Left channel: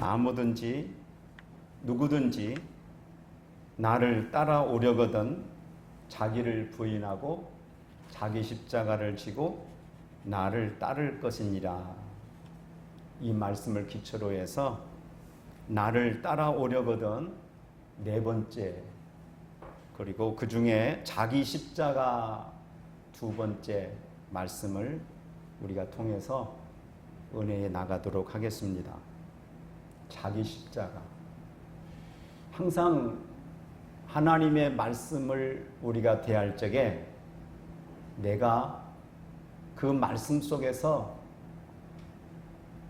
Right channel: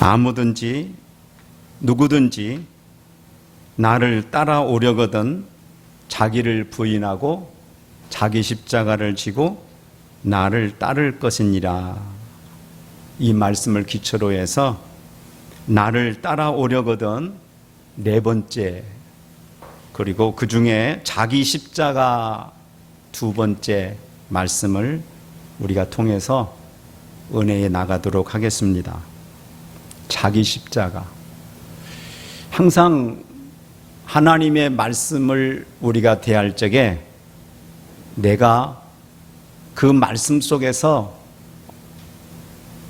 아무든지 누구든지 나를 따라오려거든 자기를 부인하고 자기 십자가를 지고 나를 따를 것이니라. 이 말씀을 기초로 해서 나를 따라오려거든 네 번째, 그리고 그 중에 자기 십자가 두 번째 말씀을 우리가 통해서 은혜에 나가도록 하겠습니다. 자기 십자가. 항상 하나님의 말씀을 우리가 대할 적에 내가 그 말씀 속에서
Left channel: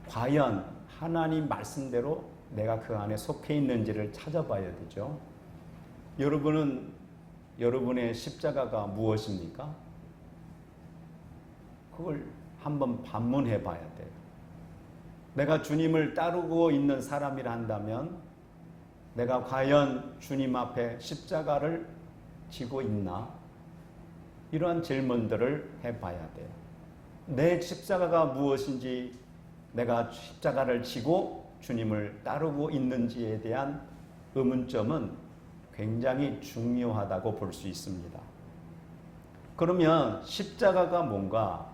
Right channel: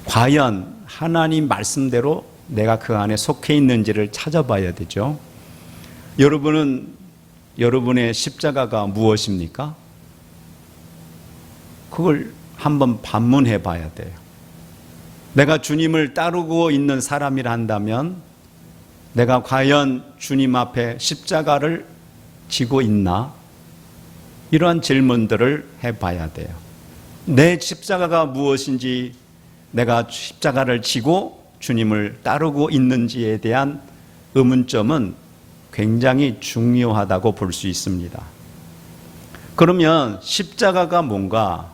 과연 하나님 말씀대로 내가 그 안에 속해 있는지를 찾아봐야 되죠. 여러분은 여러분의 십자가가 무엇입니까? 그걸 한번 반문해 봐야 돼요. 내가 주님을 따르고 있는 사람이라 한다면 내가 과연 주님 앞에 십자가를 지고 있나? 이러한 질문들을 해봐야 돼요. 내 십자가가 무엇인지, 내가 십자가를 지고 주님을 따르고 있는지에 대한 의문점은 굉장히 중요하다고 볼 수 있습니다. 그러면 십자가가 뭔가?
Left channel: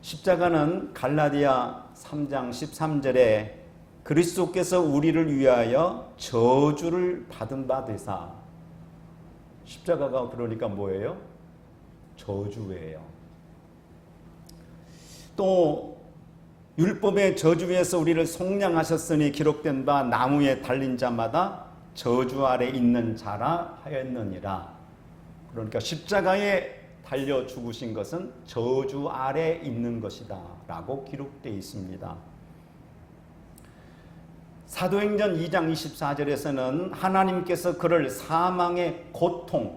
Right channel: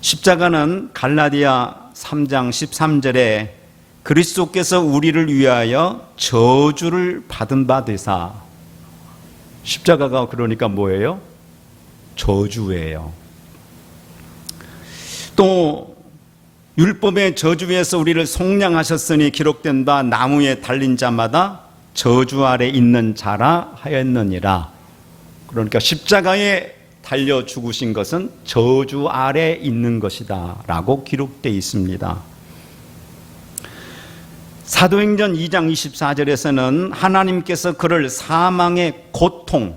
십자가는 갈라디아 3장 13절에 그리스도께서 우리를 위하여 저주를 받은 바 되사. 십자가가 그러니까 뭐예요? 저주예요. 또 율법의 저주에서 우리를 속량하셨으니 기록된 바 나무에 달린 자마다 저주 아래 있는 자라 하였느니라. 그러니까 십자가에 달려 죽으신 것은 저주 아래 있는 것이다 라고 기록되어 있습니다. 사도행전 2장 24절에서는 하나님께서 그를 사망의 고통,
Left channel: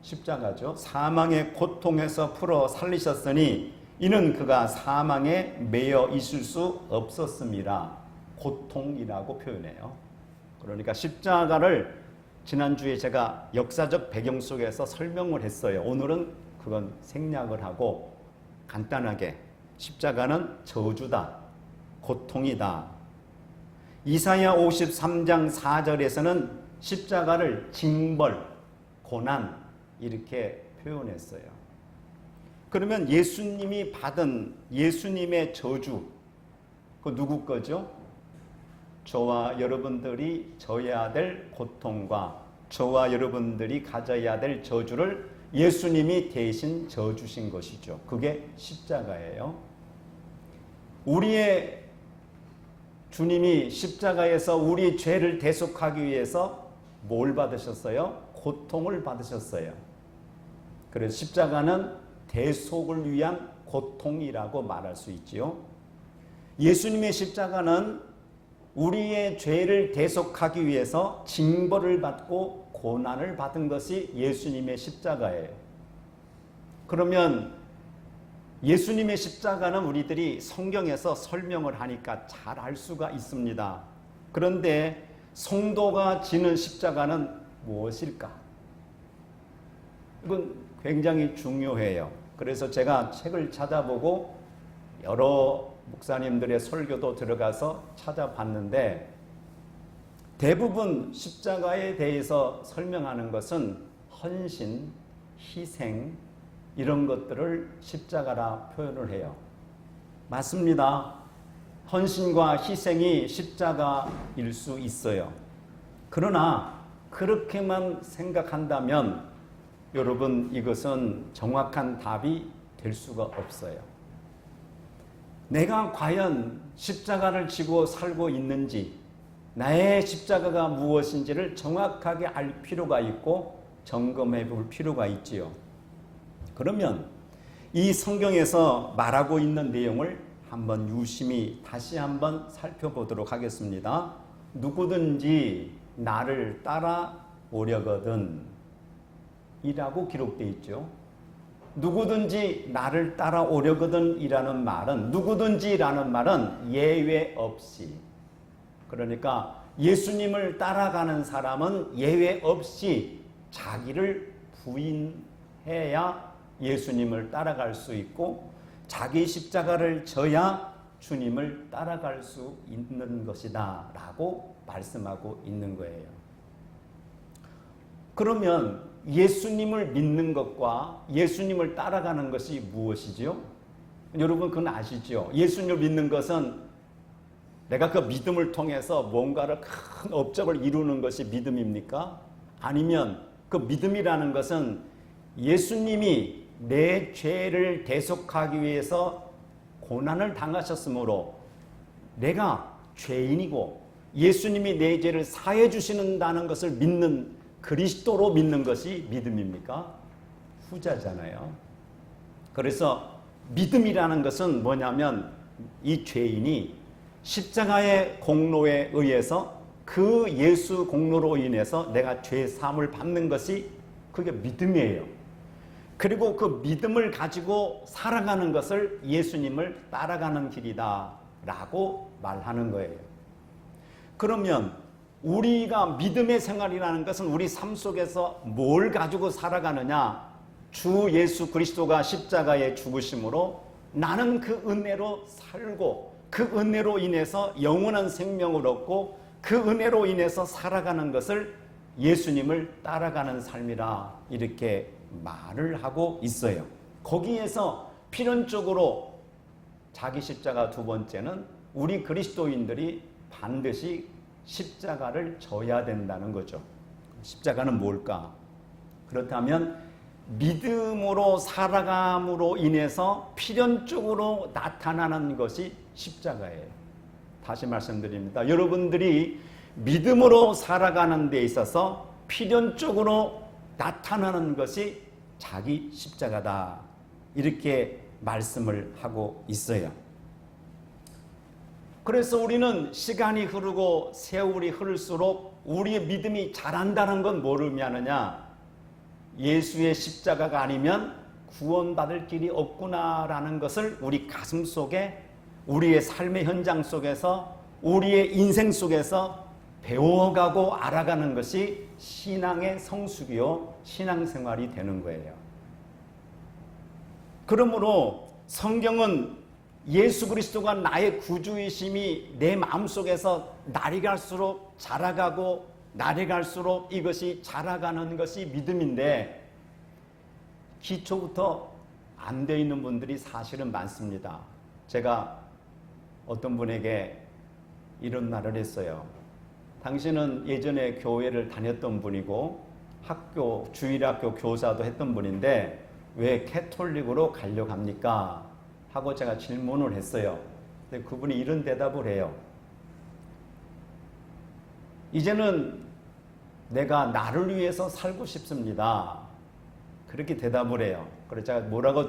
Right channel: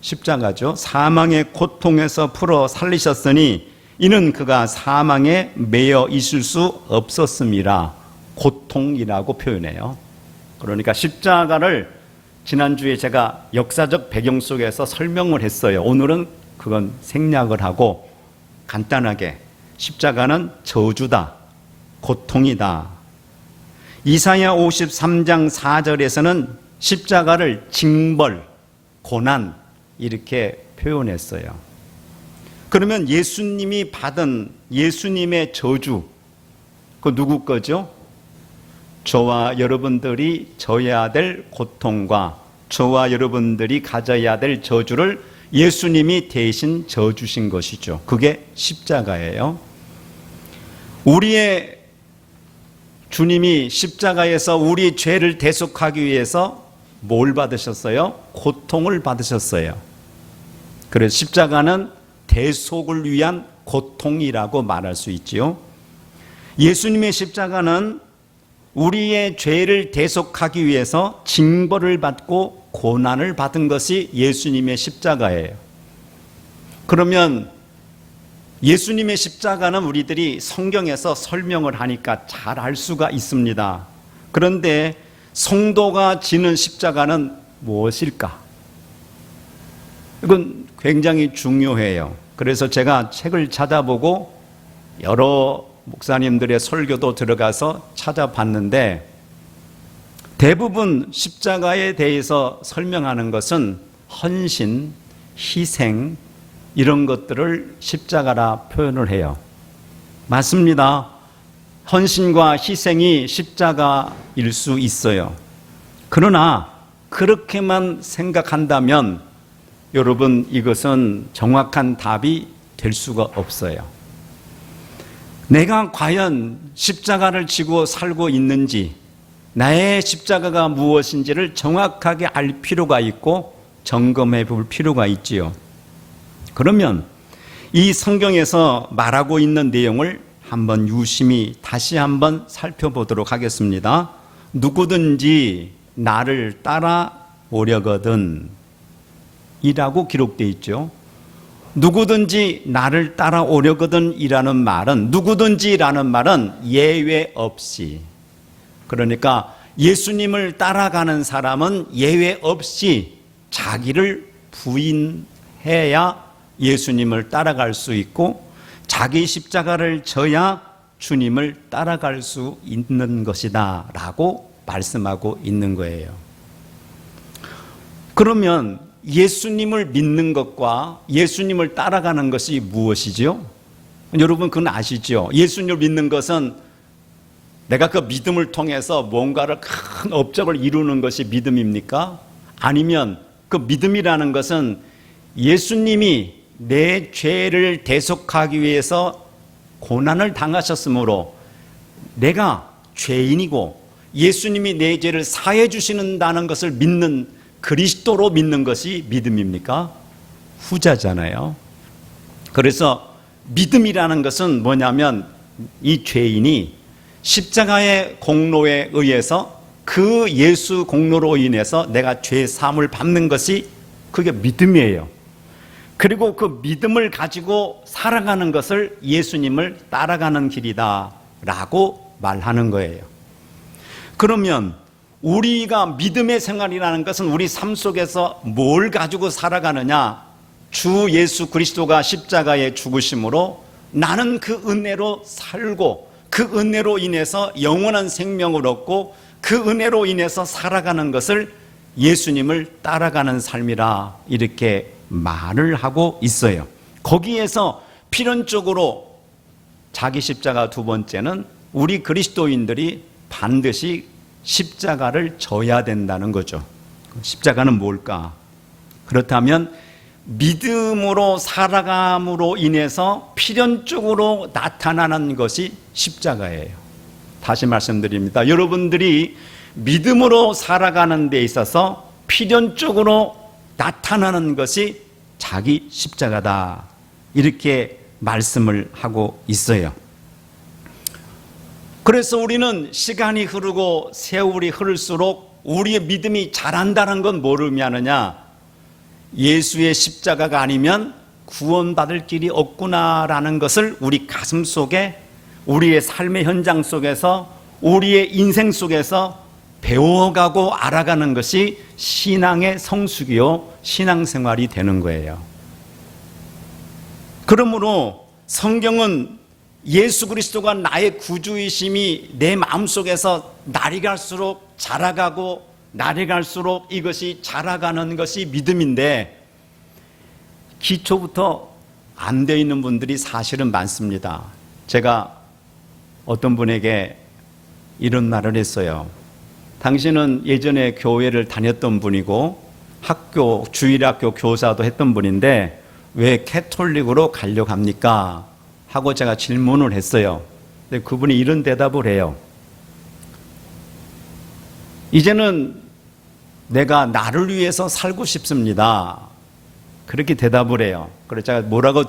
십자가죠, 사망의 고통에서 풀어 살리셨으니 이는 그가 사망에 매여 있을 수 없었음이라. 고통이라고 표현해요. 그러니까 십자가를 지난주에 제가 역사적 배경 속에서 설명을 했어요. 오늘은 그건 생략을 하고 간단하게 십자가는 저주다, 고통이다. 이사야 53장 4절에서는 십자가를 징벌, 고난 이렇게 표현했어요. 그러면 예수님이 받은 예수님의 저주, 그 누구 거죠? 저와 여러분들이 져야 될 고통과 저와 여러분들이 가져야 될 저주를 예수님이 대신 져주신 것이죠. 그게 십자가예요. 우리의 주님이 십자가에서 우리 죄를 대속하기 위해서 뭘 받으셨어요? 고통을 받으셨어요. 그래서 십자가는 대속을 위한 고통이라고 말할 수 있지요. 예수님의 십자가는 우리의 죄를 대속하기 위해서 징벌을 받고 고난을 받은 것이 예수님의 십자가예요. 그러면 예수님의 십자가는 우리들이 성경에서 설명을 하니까 잘 알 수가 있습니다. 그런데 성도가 지는 십자가는 무엇일까? 이건 굉장히 중요해요. 그래서 제가 책을 찾아보고 여러 목사님들의 설교도 들어가서 찾아봤는데 대부분 십자가에 대해서 설명하는 것은 헌신, 희생 이런 것들을 십자가라 표현을 해요. 맞습니다. 헌신과 희생이 십자가일 수 있어요. 그러나 그렇게만 생각한다면 여러분 이것은 정확한 답이 될 수가 없어요. 내가 과연 십자가를 지고 살고 있는지, 나의 십자가가 무엇인지를 정확하게 알 필요가 있고 점검해 볼 필요가 있지요. 그러면 이 성경에서 말하고 있는 내용을 한번 유심히 다시 한번 살펴보도록 하겠습니다. 누구든지 나를 따라오려거든 이라고 기록되어 있죠. 누구든지 나를 따라오려거든 이라는 말은, 누구든지라는 말은 예외 없이, 그러니까 예수님을 따라가는 사람은 예외 없이 자기를 부인해야 예수님을 따라갈 수 있고 자기 십자가를 져야 주님을 따라갈 수 있는 것이다 라고 말씀하고 있는 거예요. 그러면 예수님을 믿는 것과 예수님을 따라가는 것이 무엇이죠? 여러분 그건 아시죠? 예수님을 믿는 것은 내가 그 믿음을 통해서 뭔가를 큰 업적을 이루는 것이 믿음입니까? 아니면 그 믿음이라는 것은 예수님이 내 죄를 대속하기 위해서 고난을 당하셨으므로 내가 죄인이고 예수님이 내 죄를 사해 주시는다는 것을 믿는 그리스도로 믿는 것이 믿음입니까? 후자잖아요. 그래서 믿음이라는 것은 뭐냐면 이 죄인이 십자가의 공로에 의해서 그 예수 공로로 인해서 내가 죄 사함을 받는 것이 그게 믿음이에요. 그리고 그 믿음을 가지고 살아가는 것을 예수님을 따라가는 길이다 라고 말하는 거예요. 그러면 우리가 믿음의 생활이라는 것은 우리 삶 속에서 뭘 가지고 살아가느냐? 주 예수 그리스도가 십자가에 죽으심으로 나는 그 은혜로 살고 그 은혜로 인해서 영원한 생명을 얻고 그 은혜로 인해서 살아가는 것을 예수님을 따라가는 삶이라 이렇게 말을 하고 있어요. 거기에서 필연적으로 자기 십자가 두 번째는 우리 그리스도인들이 반드시 십자가를 져야 된다는 거죠. 십자가는 뭘까? 그렇다면 믿음으로 살아감으로 인해서 필연적으로 나타나는 것이 십자가예요. 다시 말씀드립니다. 여러분들이 믿음으로 살아가는 데 있어서 필연적으로 나타나는 것이 자기 십자가다. 이렇게 말씀을 하고 있어요. 그래서 우리는 시간이 흐르고 세월이 흐를수록 우리의 믿음이 자란다는 건 뭘 의미하느냐? 예수의 십자가가 아니면 구원받을 길이 없구나라는 것을 우리 가슴 속에 우리의 삶의 현장 속에서 우리의 인생 속에서 배워가고 알아가는 것이 신앙의 성숙이요 신앙생활이 되는 거예요. 그러므로 성경은 예수 그리스도가 나의 구주이심이 내 마음속에서 날이 갈수록 자라가고 날이 갈수록 이것이 자라가는 것이 믿음인데 기초부터 안 돼 있는 분들이 사실은 많습니다. 제가 어떤 분에게 이런 말을 했어요. 당신은 예전에 교회를 다녔던 분이고 학교 주일학교 교사도 했던 분인데 왜 캐톨릭으로 가려고 합니까? 하고 제가 질문을 했어요. 근데 그분이 이런 대답을 해요. 이제는 내가 나를 위해서 살고 싶습니다. 그렇게 대답을 해요. 그래서 제가 뭐라고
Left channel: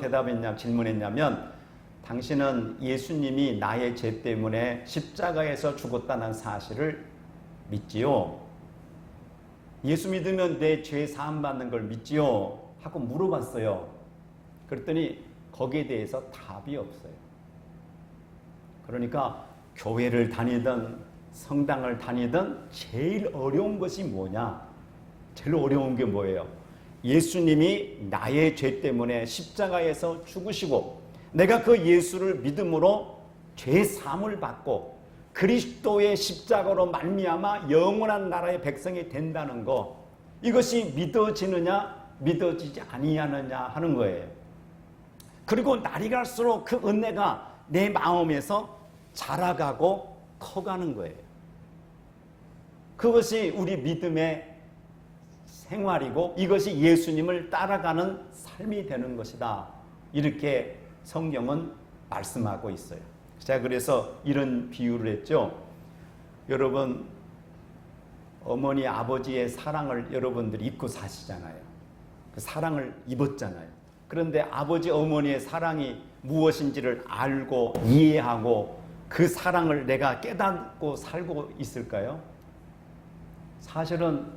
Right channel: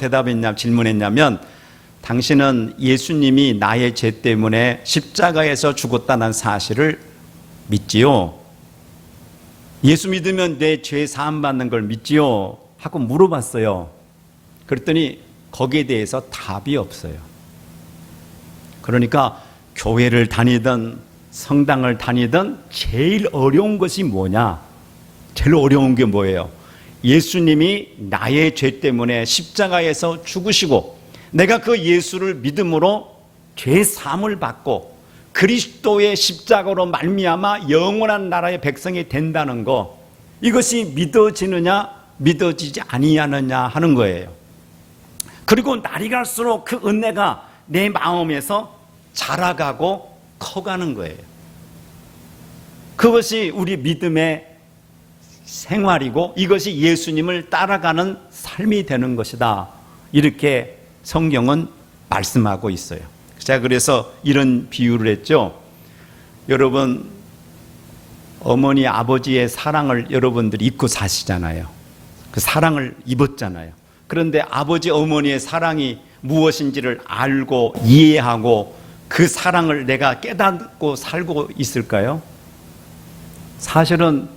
질문했냐면 당신은 예수님이 나의 죄 때문에 십자가에서 죽었다는 사실을 믿지요? 예수 믿으면 내 죄 사함 받는 걸 믿지요? 하고 물어봤어요. 그랬더니 거기에 대해서 답이 없어요. 그러니까 교회를 다니든 성당을 다니든 제일 어려운 것이 뭐냐? 제일 어려운 게 뭐예요? 예수님이 나의 죄 때문에 십자가에서 죽으시고 내가 그 예수를 믿음으로 죄 사함을 받고 그리스도의 십자가로 말미암아 영원한 나라의 백성이 된다는 거, 이것이 믿어지느냐 믿어지지 아니하느냐 하는 거예요. 그리고 날이 갈수록 그 은혜가 내 마음에서 자라가고 커가는 거예요. 그것이 우리 믿음의 생활이고 이것이 예수님을 따라가는 삶이 되는 것이다. 이렇게 성경은 말씀하고 있어요. 제가 그래서 이런 비유를 했죠. 여러분, 어머니 아버지의 사랑을 여러분들이 입고 사시잖아요. 그 사랑을 입었잖아요. 그런데 아버지 어머니의 사랑이 무엇인지를 알고 이해하고 그 사랑을 내가 깨닫고 살고 있을까요? 사실은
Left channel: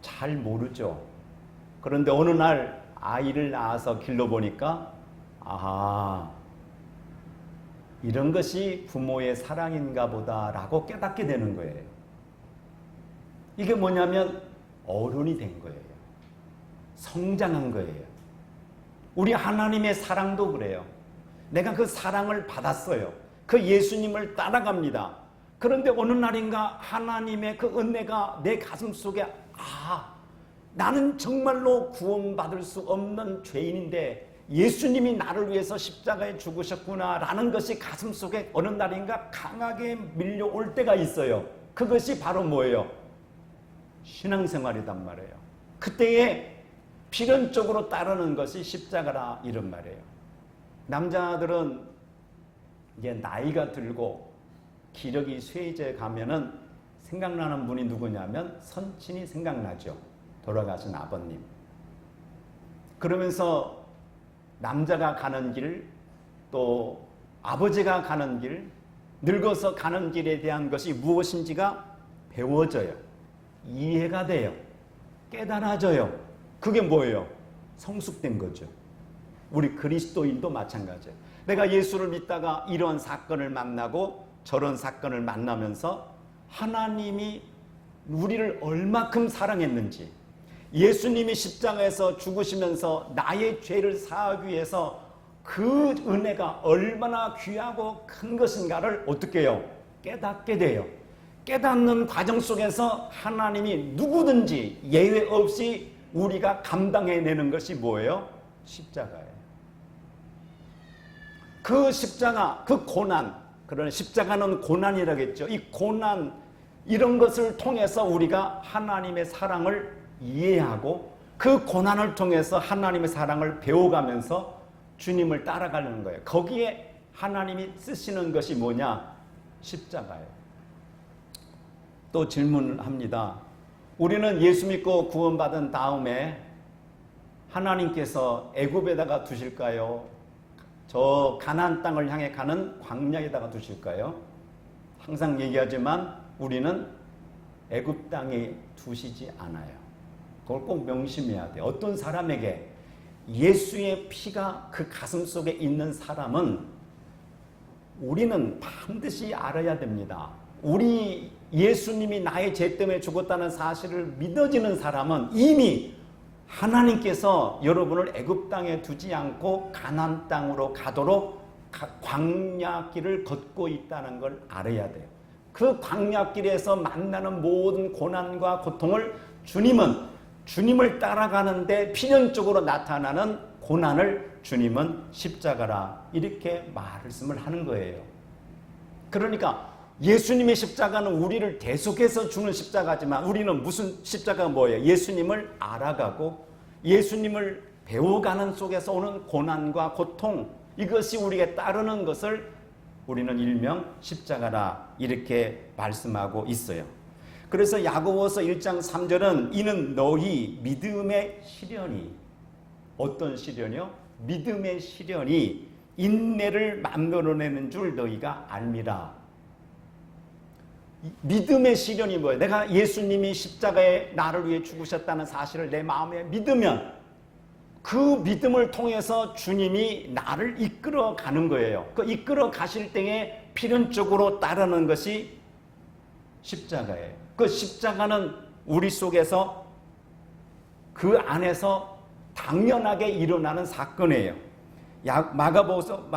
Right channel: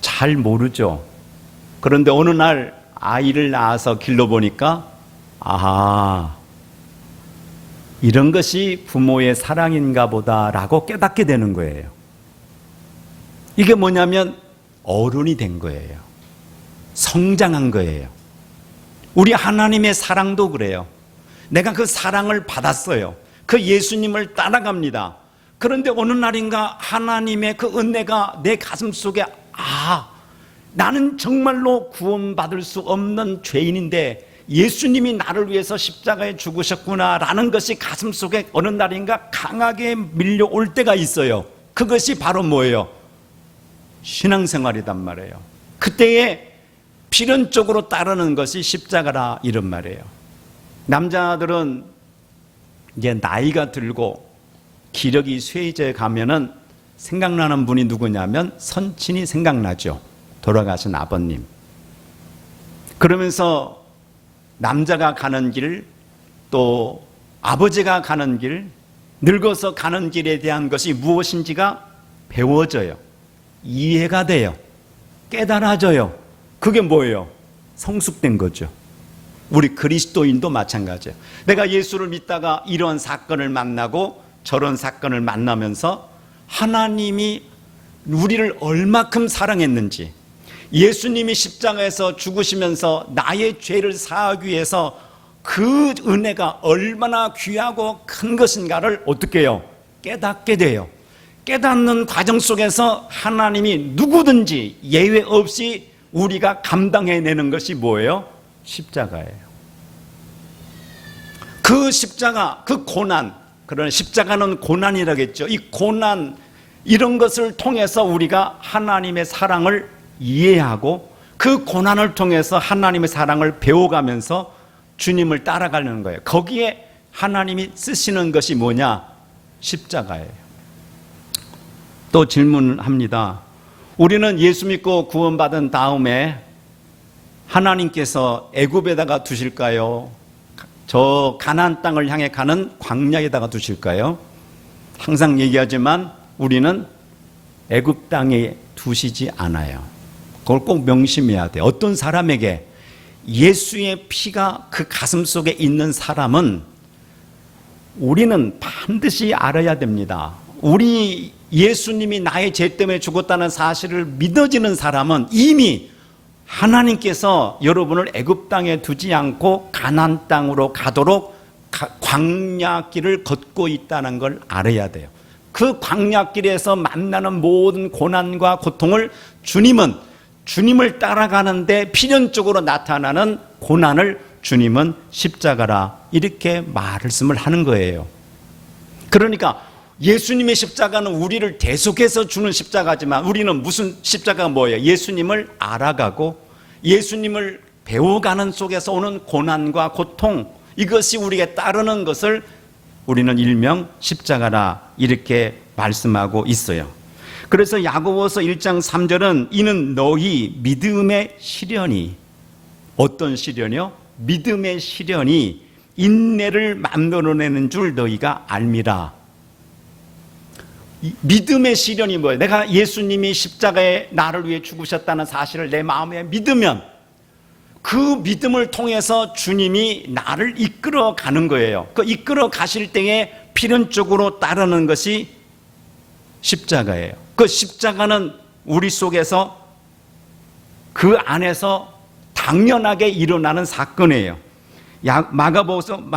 잘 모르죠. 그런데 어느 날 아이를 낳아서 길러보니까 아하, 이런 것이 부모의 사랑인가 보다라고 깨닫게 되는 거예요. 이게 뭐냐면 어른이 된 거예요. 성장한 거예요. 우리 하나님의 사랑도 그래요. 내가 그 사랑을 받았어요. 그 예수님을 따라갑니다. 그런데 어느 날인가 하나님의 그 은혜가 내 가슴 속에 나는 정말로 구원받을 수 없는 죄인인데 예수님이 나를 위해서 십자가에 죽으셨구나라는 것이 가슴 속에 어느 날인가 강하게 밀려올 때가 있어요. 그것이 바로 뭐예요? 신앙생활이단 말이에요. 그때에 필연적으로 따르는 것이 십자가라 이런 말이에요. 남자들은 이제 나이가 들고 기력이 쇠해져 가면은 생각나는 분이 누구냐면 선친이 생각나죠. 돌아가신 아버님. 그러면서 남자가 가는 길, 또 아버지가 가는 길, 늙어서 가는 길에 대한 것이 무엇인지가 배워져요. 이해가 돼요. 깨달아져요. 그게 뭐예요? 성숙된 거죠. 우리 그리스도인도 마찬가지예요. 내가 예수를 믿다가 이런 사건을 만나고 저런 사건을 만나면서 하나님이 우리를 얼마큼 사랑했는지, 예수님이 십자가에서 죽으시면서 나의 죄를 사하기 위해서 그 은혜가 얼마나 귀하고 큰 것인가를 어떻게 해요? 깨닫게 돼요. 깨닫는 과정 속에서 하나님이 누구든지 예외 없이 우리가 감당해내는 것이 뭐예요? 십자가예요. 그 십자가, 그 고난, 그런 십자가는 고난이라겠죠. 이 고난, 이런 것을 통해서 우리가 하나님의 사랑을 이해하고 그 고난을 통해서 하나님의 사랑을 배워가면서 주님을 따라가려는 거예요. 거기에 하나님이 쓰시는 것이 뭐냐? 십자가예요. 또 질문합니다. 우리는 예수 믿고 구원받은 다음에 하나님께서 애굽에다가 두실까요? 저 가나안 땅을 향해 가는 광야에다가 두실까요? 항상 얘기하지만 우리는 애굽 땅에 두시지 않아요. 그걸 꼭 명심해야 돼요. 어떤 사람에게 예수의 피가 그 가슴 속에 있는 사람은 우리는 반드시 알아야 됩니다. 우리 예수님이 나의 죄 때문에 죽었다는 사실을 믿어지는 사람은 이미 하나님께서 여러분을 애굽 땅에 두지 않고 가나안 땅으로 가도록 광야길을 걷고 있다는 걸 알아야 돼요. 그 광야길에서 만나는 모든 고난과 고통을 주님을 따라가는데 필연적으로 나타나는 고난을 주님은 십자가라 이렇게 말씀을 하는 거예요. 그러니까 예수님의 십자가는 우리를 대속해서 주는 십자가지만 우리는 무슨 십자가가 뭐예요? 예수님을 알아가고 예수님을 배워가는 속에서 오는 고난과 고통, 이것이 우리에게 따르는 것을 우리는 일명 십자가라 이렇게 말씀하고 있어요. 그래서 야고보서 1장 3절은 이는 너희 믿음의 시련이, 어떤 시련이요? 믿음의 시련이 인내를 만들어내는 줄 너희가 알미라. 믿음의 시련이 뭐예요? 내가 예수님이 십자가에 나를 위해 죽으셨다는 사실을 내 마음에 믿으면 그 믿음을 통해서 주님이 나를 이끌어 가는 거예요. 그 이끌어 가실 때에 필연적으로 따르는 것이 십자가예요. 그 십자가는 우리 속에서 그 안에서 당연하게 일어나는 사건이에요. 마가복음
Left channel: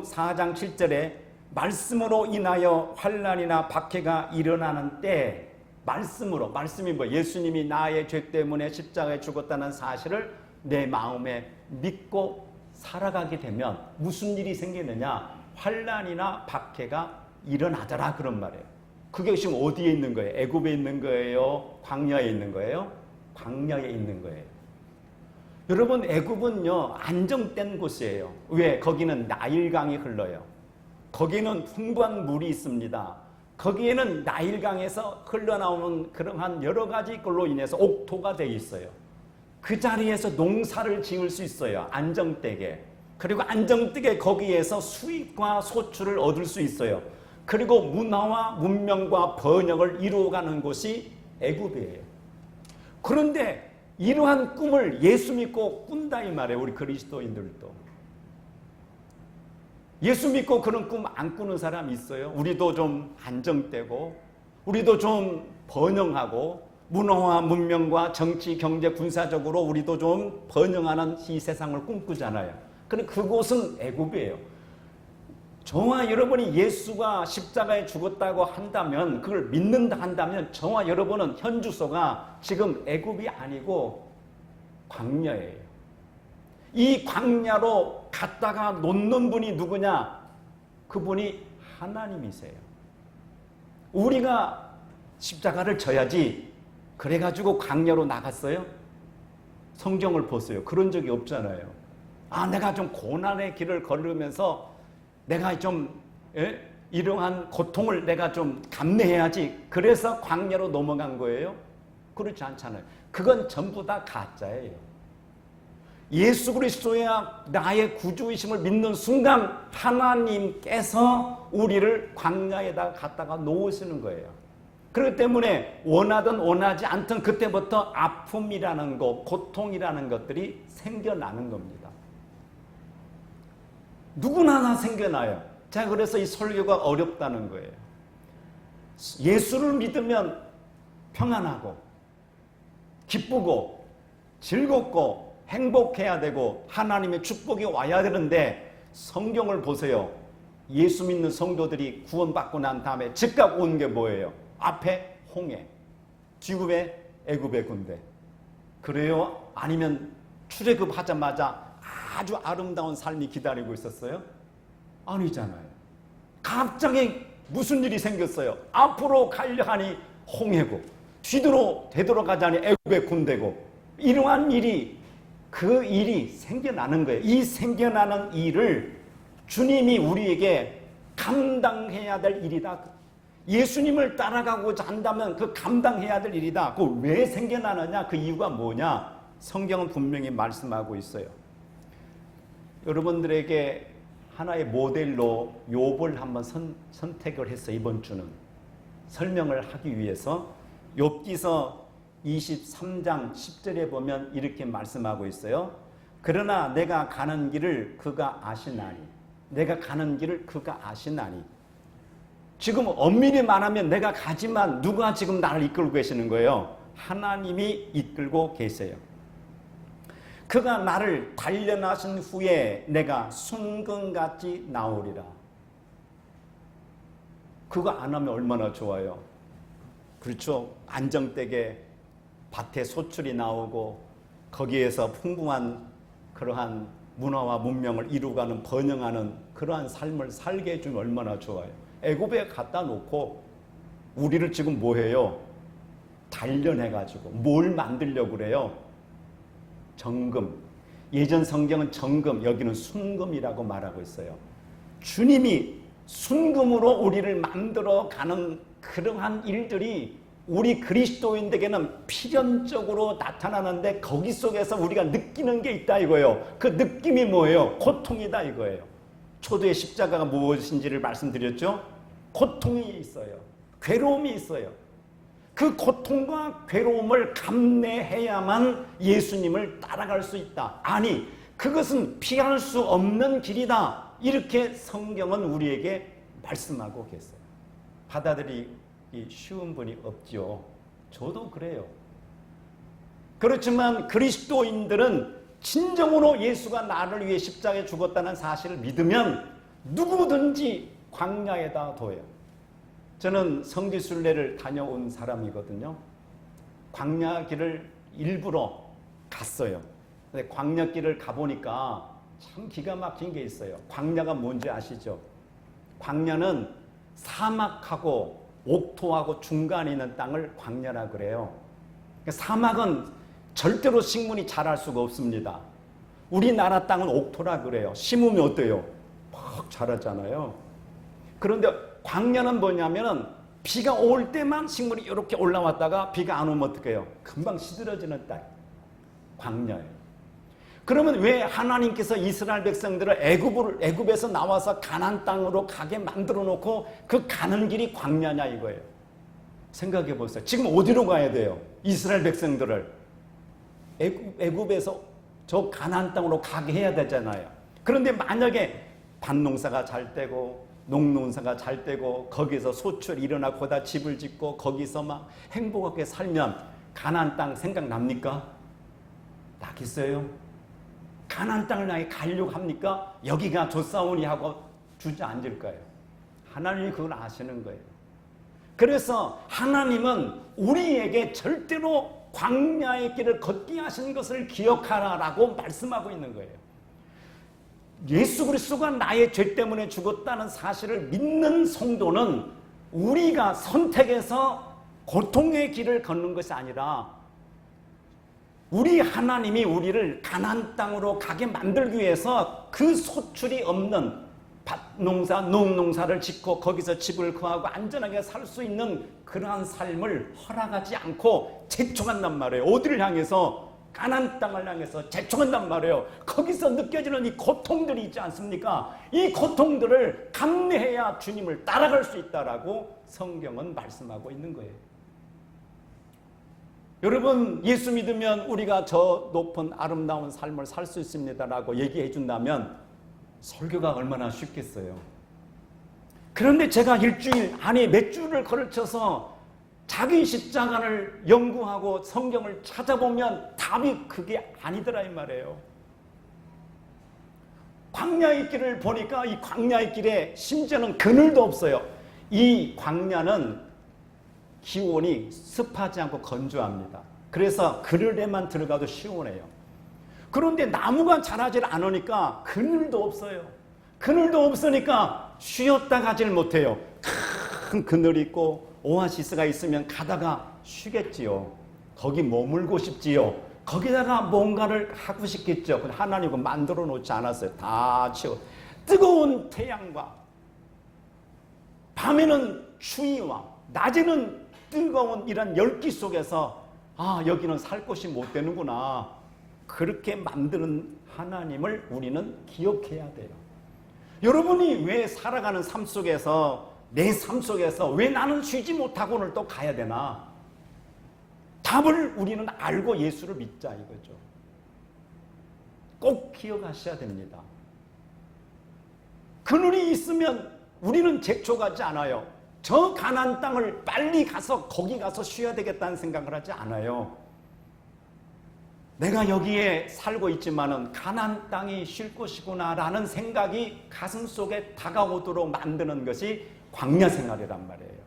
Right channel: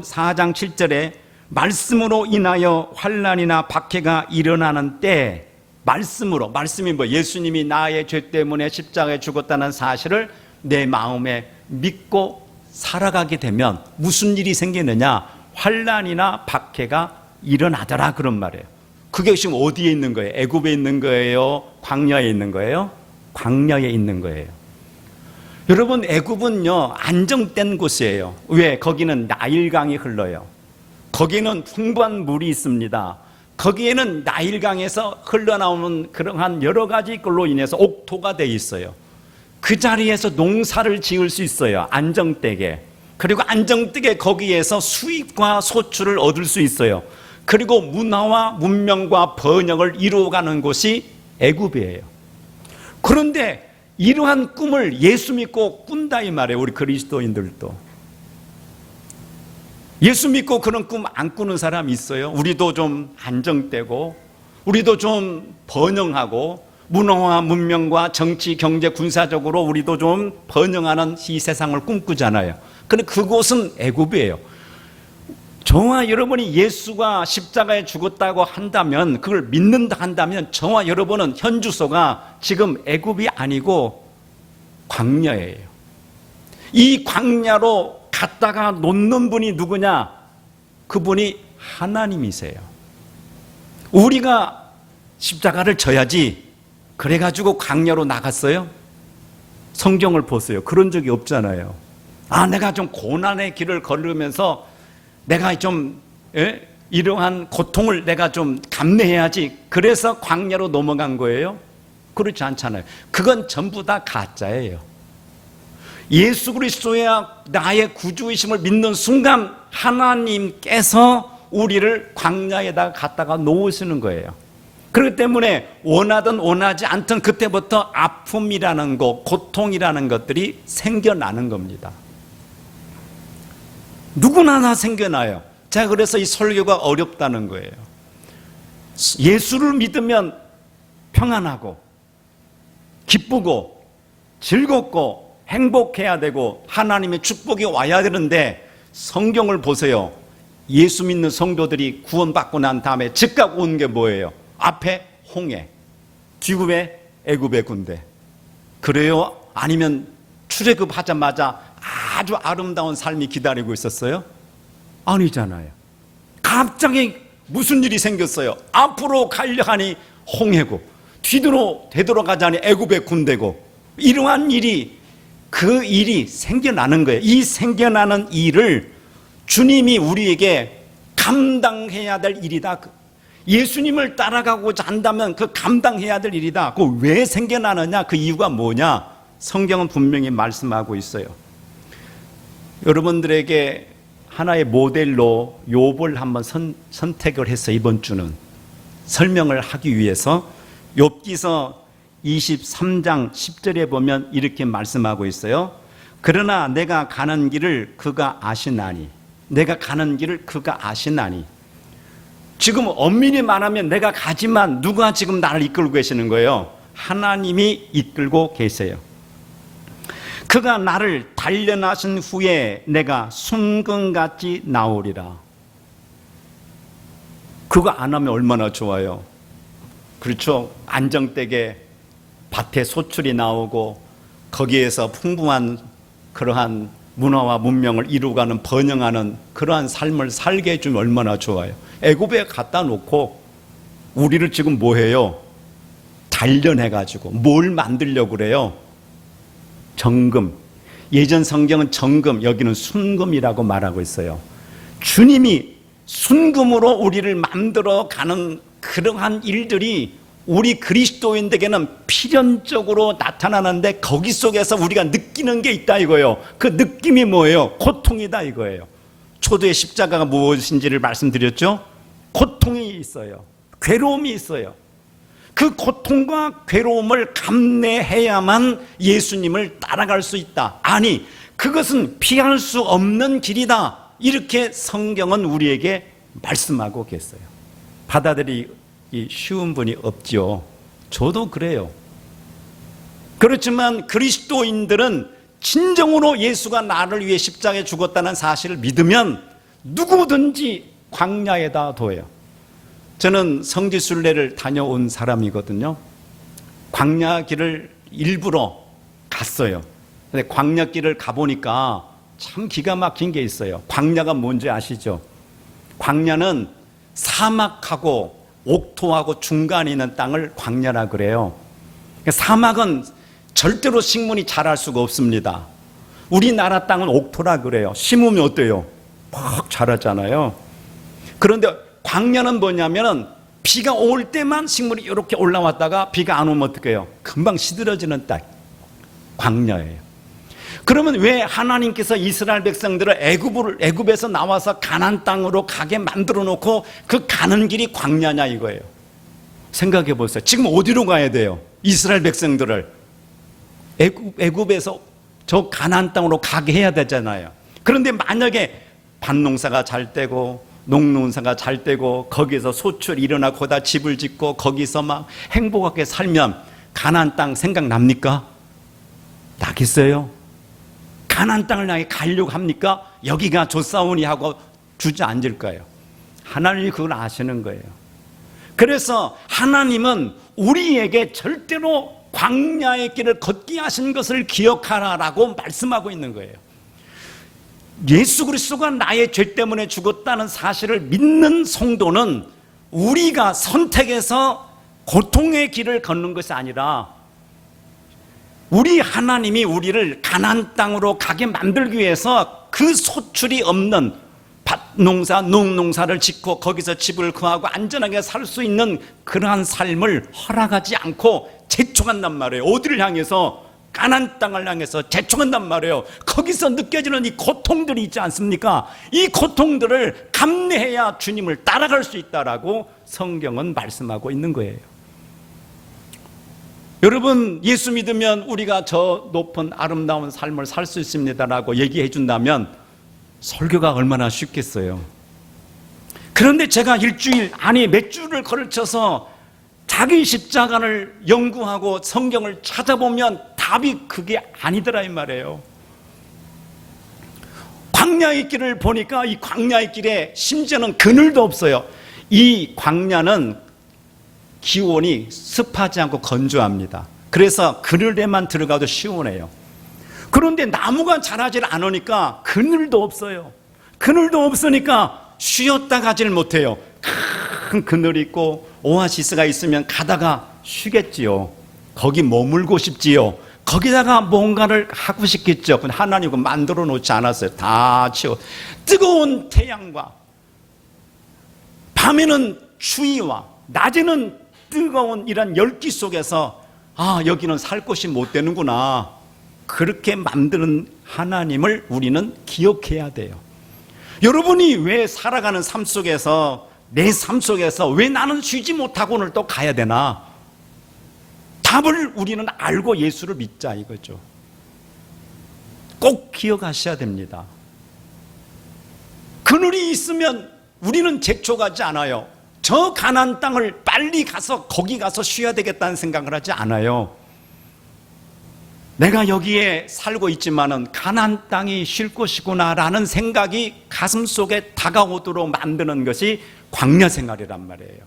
4장 7절에 말씀으로 인하여 환난이나 박해가 일어나는 때, 말씀이 뭐 예수님이 나의 죄 때문에 십자가에 죽었다는 사실을 내 마음에 믿고 살아가게 되면 무슨 일이 생기느냐? 환난이나 박해가 일어나더라 그런 말이에요. 그게 지금 어디에 있는 거예요? 애굽에 있는 거예요? 광야에 있는 거예요? 광야에 있는 거예요. 여러분, 애굽은요 안정된 곳이에요. 왜? 거기는 나일강이 흘러요. 거기는 풍부한 물이 있습니다. 거기에는 나일강에서 흘러나오는 그러한 여러 가지 걸로 인해서 옥토가 되어 있어요. 그 자리에서 농사를 지을 수 있어요. 안정되게. 그리고 안정되게 거기에서 수입과 소출을 얻을 수 있어요. 그리고 문화와 문명과 번영을 이루어가는 곳이 애굽이에요. 그런데 이러한 꿈을 예수 믿고 꾼다 이 말이에요. 우리 그리스도인들도. 예수 믿고 그런 꿈 안 꾸는 사람 있어요? 우리도 좀 안정되고 우리도 좀 번영하고 문화와 문명과 정치, 경제, 군사적으로 우리도 좀 번영하는 이 세상을 꿈꾸잖아요. 그런데 그곳은 애굽이에요. 저와 여러분이 예수가 십자가에 죽었다고 한다면, 그걸 믿는다 한다면, 저와 여러분은 현 주소가 지금 애굽이 아니고 광야예요. 이 광야로 갔다가 놓는 분이 누구냐? 그분이 하나님이세요. 우리가 십자가를 져야지 그래가지고 광야로 나갔어요? 성경을 보세요. 그런 적이 없잖아요. 내가 좀 고난의 길을 걸으면서 내가 좀 이러한 고통을 내가 좀 감내해야지, 그래서 광야로 넘어간 거예요? 그렇지 않잖아요. 그건 전부 다 가짜예요. 예수 그리스도야 나의 구주이심을 믿는 순간 하나님께서 우리를 광야에다가 갖다가 놓으시는 거예요. 그렇기 때문에 원하든 원하지 않든 그때부터 아픔이라는 것, 고통이라는 것들이 생겨나는 겁니다. 누구나 다 생겨나요. 제가 그래서 이 설교가 어렵다는 거예요. 예수를 믿으면 평안하고 기쁘고 즐겁고 행복해야 되고 하나님의 축복이 와야 되는데, 성경을 보세요. 예수 믿는 성도들이 구원받고 난 다음에 즉각 온 게 뭐예요? 앞에 홍해, 뒤에 애굽의 군대. 그래요? 아니면 출애굽하자마자 아주 아름다운 삶이 기다리고 있었어요? 아니잖아요. 갑자기 무슨 일이 생겼어요? 앞으로 가려 하니 홍해고, 뒤로 되돌아가자니 애굽의 군대고, 이러한 일이, 그 일이 생겨나는 거예요. 이 생겨나는 일을 주님이 우리에게 감당해야 될 일이다. 예수님을 따라가고자 한다면 그 감당해야 될 일이다. 그 왜 생겨나느냐? 그 이유가 뭐냐? 성경은 분명히 말씀하고 있어요. 여러분들에게 하나의 모델로 욥을 한번 선택을 해서 이번 주는 설명을 하기 위해서 욥기서 23장 10절에 보면 이렇게 말씀하고 있어요. 그러나 내가 가는 길을 그가 아시나니, 내가 가는 길을 그가 아시나니. 지금 엄밀히 말하면 내가 가지만 누가 지금 나를 이끌고 계시는 거예요? 하나님이 이끌고 계세요. 그가 나를 단련하신 후에 내가 순금같이 나오리라. 그거 안 하면 얼마나 좋아요. 그렇죠? 안정되게 밭에 소출이 나오고 거기에서 풍부한 그러한 문화와 문명을 이루어가는, 번영하는 그러한 삶을 살게 해주면 얼마나 좋아요. 애굽에 갖다 놓고 우리를 지금 뭐해요? 단련해가지고 뭘 만들려고 그래요? 정금. 예전 성경은 정금, 여기는 순금이라고 말하고 있어요. 주님이 순금으로 우리를 만들어가는 그러한 일들이 우리 그리스도인에게는 필연적으로 나타나는데, 거기 속에서 우리가 느끼는 게 있다 이거예요. 그 느낌이 뭐예요? 고통이다 이거예요. 초도의 십자가가 무엇인지를 말씀드렸죠? 고통이 있어요. 괴로움이 있어요. 그 고통과 괴로움을 감내해야만 예수님을 따라갈 수 있다. 아니, 그것은 피할 수 없는 길이다. 이렇게 성경은 우리에게 말씀하고 계세요. 받아들이기 쉬운 분이 없죠. 저도 그래요. 그렇지만 그리스도인들은 진정으로 예수가 나를 위해 십자가에 죽었다는 사실을 믿으면 누구든지 광야에다 둬요. 저는 성지순례를 다녀온 사람이거든요. 광야 길을 일부러 갔어요. 근데 광야 길을 가보니까 참 기가 막힌 게 있어요. 광야가 뭔지 아시죠? 광야는 사막하고 옥토하고 중간에 있는 땅을 광야라 그래요. 사막은 절대로 식물이 자랄 수가 없습니다. 우리나라 땅은 옥토라 그래요. 심으면 어때요? 막 자라잖아요. 그런데 광야는 뭐냐면 비가 올 때만 식물이 이렇게 올라왔다가 비가 안 오면 어떻게 해요? 금방 시들어지는 땅, 광야예요. 그러면 왜 하나님께서 이스라엘 백성들을 애굽에서 나와서 가나안 땅으로 가게 만들어 놓고 그 가는 길이 광야냐 이거예요. 생각해 보세요. 지금 어디로 가야 돼요? 이스라엘 백성들을 애굽에서 저 가나안 땅으로 가게 해야 되잖아요. 그런데 만약에 밭농사가 잘 되고 농농사가 잘 되고 거기서 소출이 일어나고 거기다 집을 짓고 거기서 막 행복하게 살면 가나안 땅 생각납니까? 나겠어요? 가나안 땅을 향해 가려고 합니까? 여기가 좋사오니 하고 주저앉을 거예요. 하나님이 그걸 아시는 거예요. 그래서 하나님은 우리에게 절대로 광야의 길을 걷게 하신 것을 기억하라라고 말씀하고 있는 거예요. 예수 그리스도가 나의 죄 때문에 죽었다는 사실을 믿는 성도는 우리가 선택해서 고통의 길을 걷는 것이 아니라 우리 하나님이 우리를 가나안 땅으로 가게 만들기 위해서 그 소출이 없는 밭농사, 농농사를 짓고 거기서 집을 구하고 안전하게 살 수 있는 그러한 삶을 허락하지 않고 재촉한단 말이에요. 어디를 향해서? 가나안 땅을 향해서 재촉한단 말이에요. 거기서 느껴지는 이 고통들이 있지 않습니까? 이 고통들을 감내해야 주님을 따라갈 수 있다라고 성경은 말씀하고 있는 거예요. 여러분, 예수 믿으면 우리가 저 높은 아름다운 삶을 살 수 있습니다라고 얘기해 준다면 설교가 얼마나 쉽겠어요. 그런데 제가 일주일, 아니 몇 주를 걸쳐서 자기 십자가를 연구하고 성경을 찾아보면 답이 그게 아니더라 이 말이에요. 광야의 길을 보니까 이 광야의 길에 심지어는 그늘도 없어요. 이 광야는 기온이 습하지 않고 건조합니다. 그래서 그늘에만 들어가도 시원해요. 그런데 나무가 자라질 않으니까 그늘도 없어요. 그늘도 없으니까 쉬었다 가지를 못해요. 큰 그늘이 있고 오아시스가 있으면 가다가 쉬겠지요. 거기 머물고 싶지요. 거기다가 뭔가를 하고 싶겠죠. 근데 하나님은 만들어 놓지 않았어요. 다 치워. 뜨거운 태양과 밤에는 추위와 낮에는 뜨거운 이런 열기 속에서 여기는 살 곳이 못 되는구나. 그렇게 만드는 하나님을 우리는 기억해야 돼요. 여러분이 왜 살아가는 삶 속에서, 내 삶 속에서 왜 나는 쉬지 못하고 오늘 또 가야 되나? 답을 우리는 알고 예수를 믿자 이거죠. 꼭 기억하셔야 됩니다. 그늘이 있으면 우리는 재촉하지 않아요. 저 가나안 땅을 빨리 가서 거기 가서 쉬어야 되겠다는 생각을 하지 않아요. 내가 여기에 살고 있지만은 가나안 땅이 쉴 곳이구나라는 생각이 가슴 속에 다가오도록 만드는 것이 광야 생활이란 말이에요.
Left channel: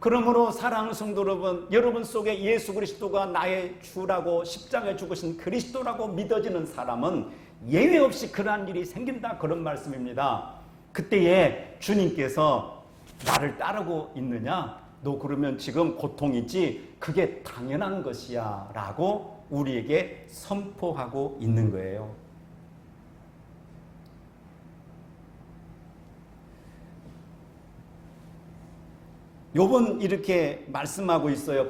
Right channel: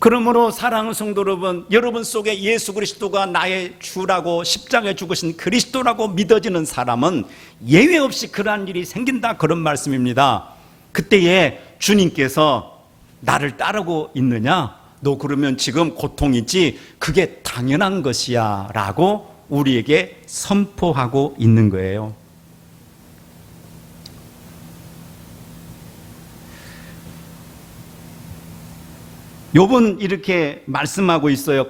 그러므로 사랑하는 성도 여러분 속에 예수 그리스도가 나의 주라고 십자가에 죽으신 그리스도라고 믿어지는 사람은 예외 없이 그러한 일이 생긴다, 그런 말씀입니다. 그때에 주님께서 나를 따르고 있느냐? 너 그러면 지금 고통이지, 그게 당연한 것이야 라고 우리에게 선포하고 있는 거예요. 욥은 이렇게 말씀하고 있어요.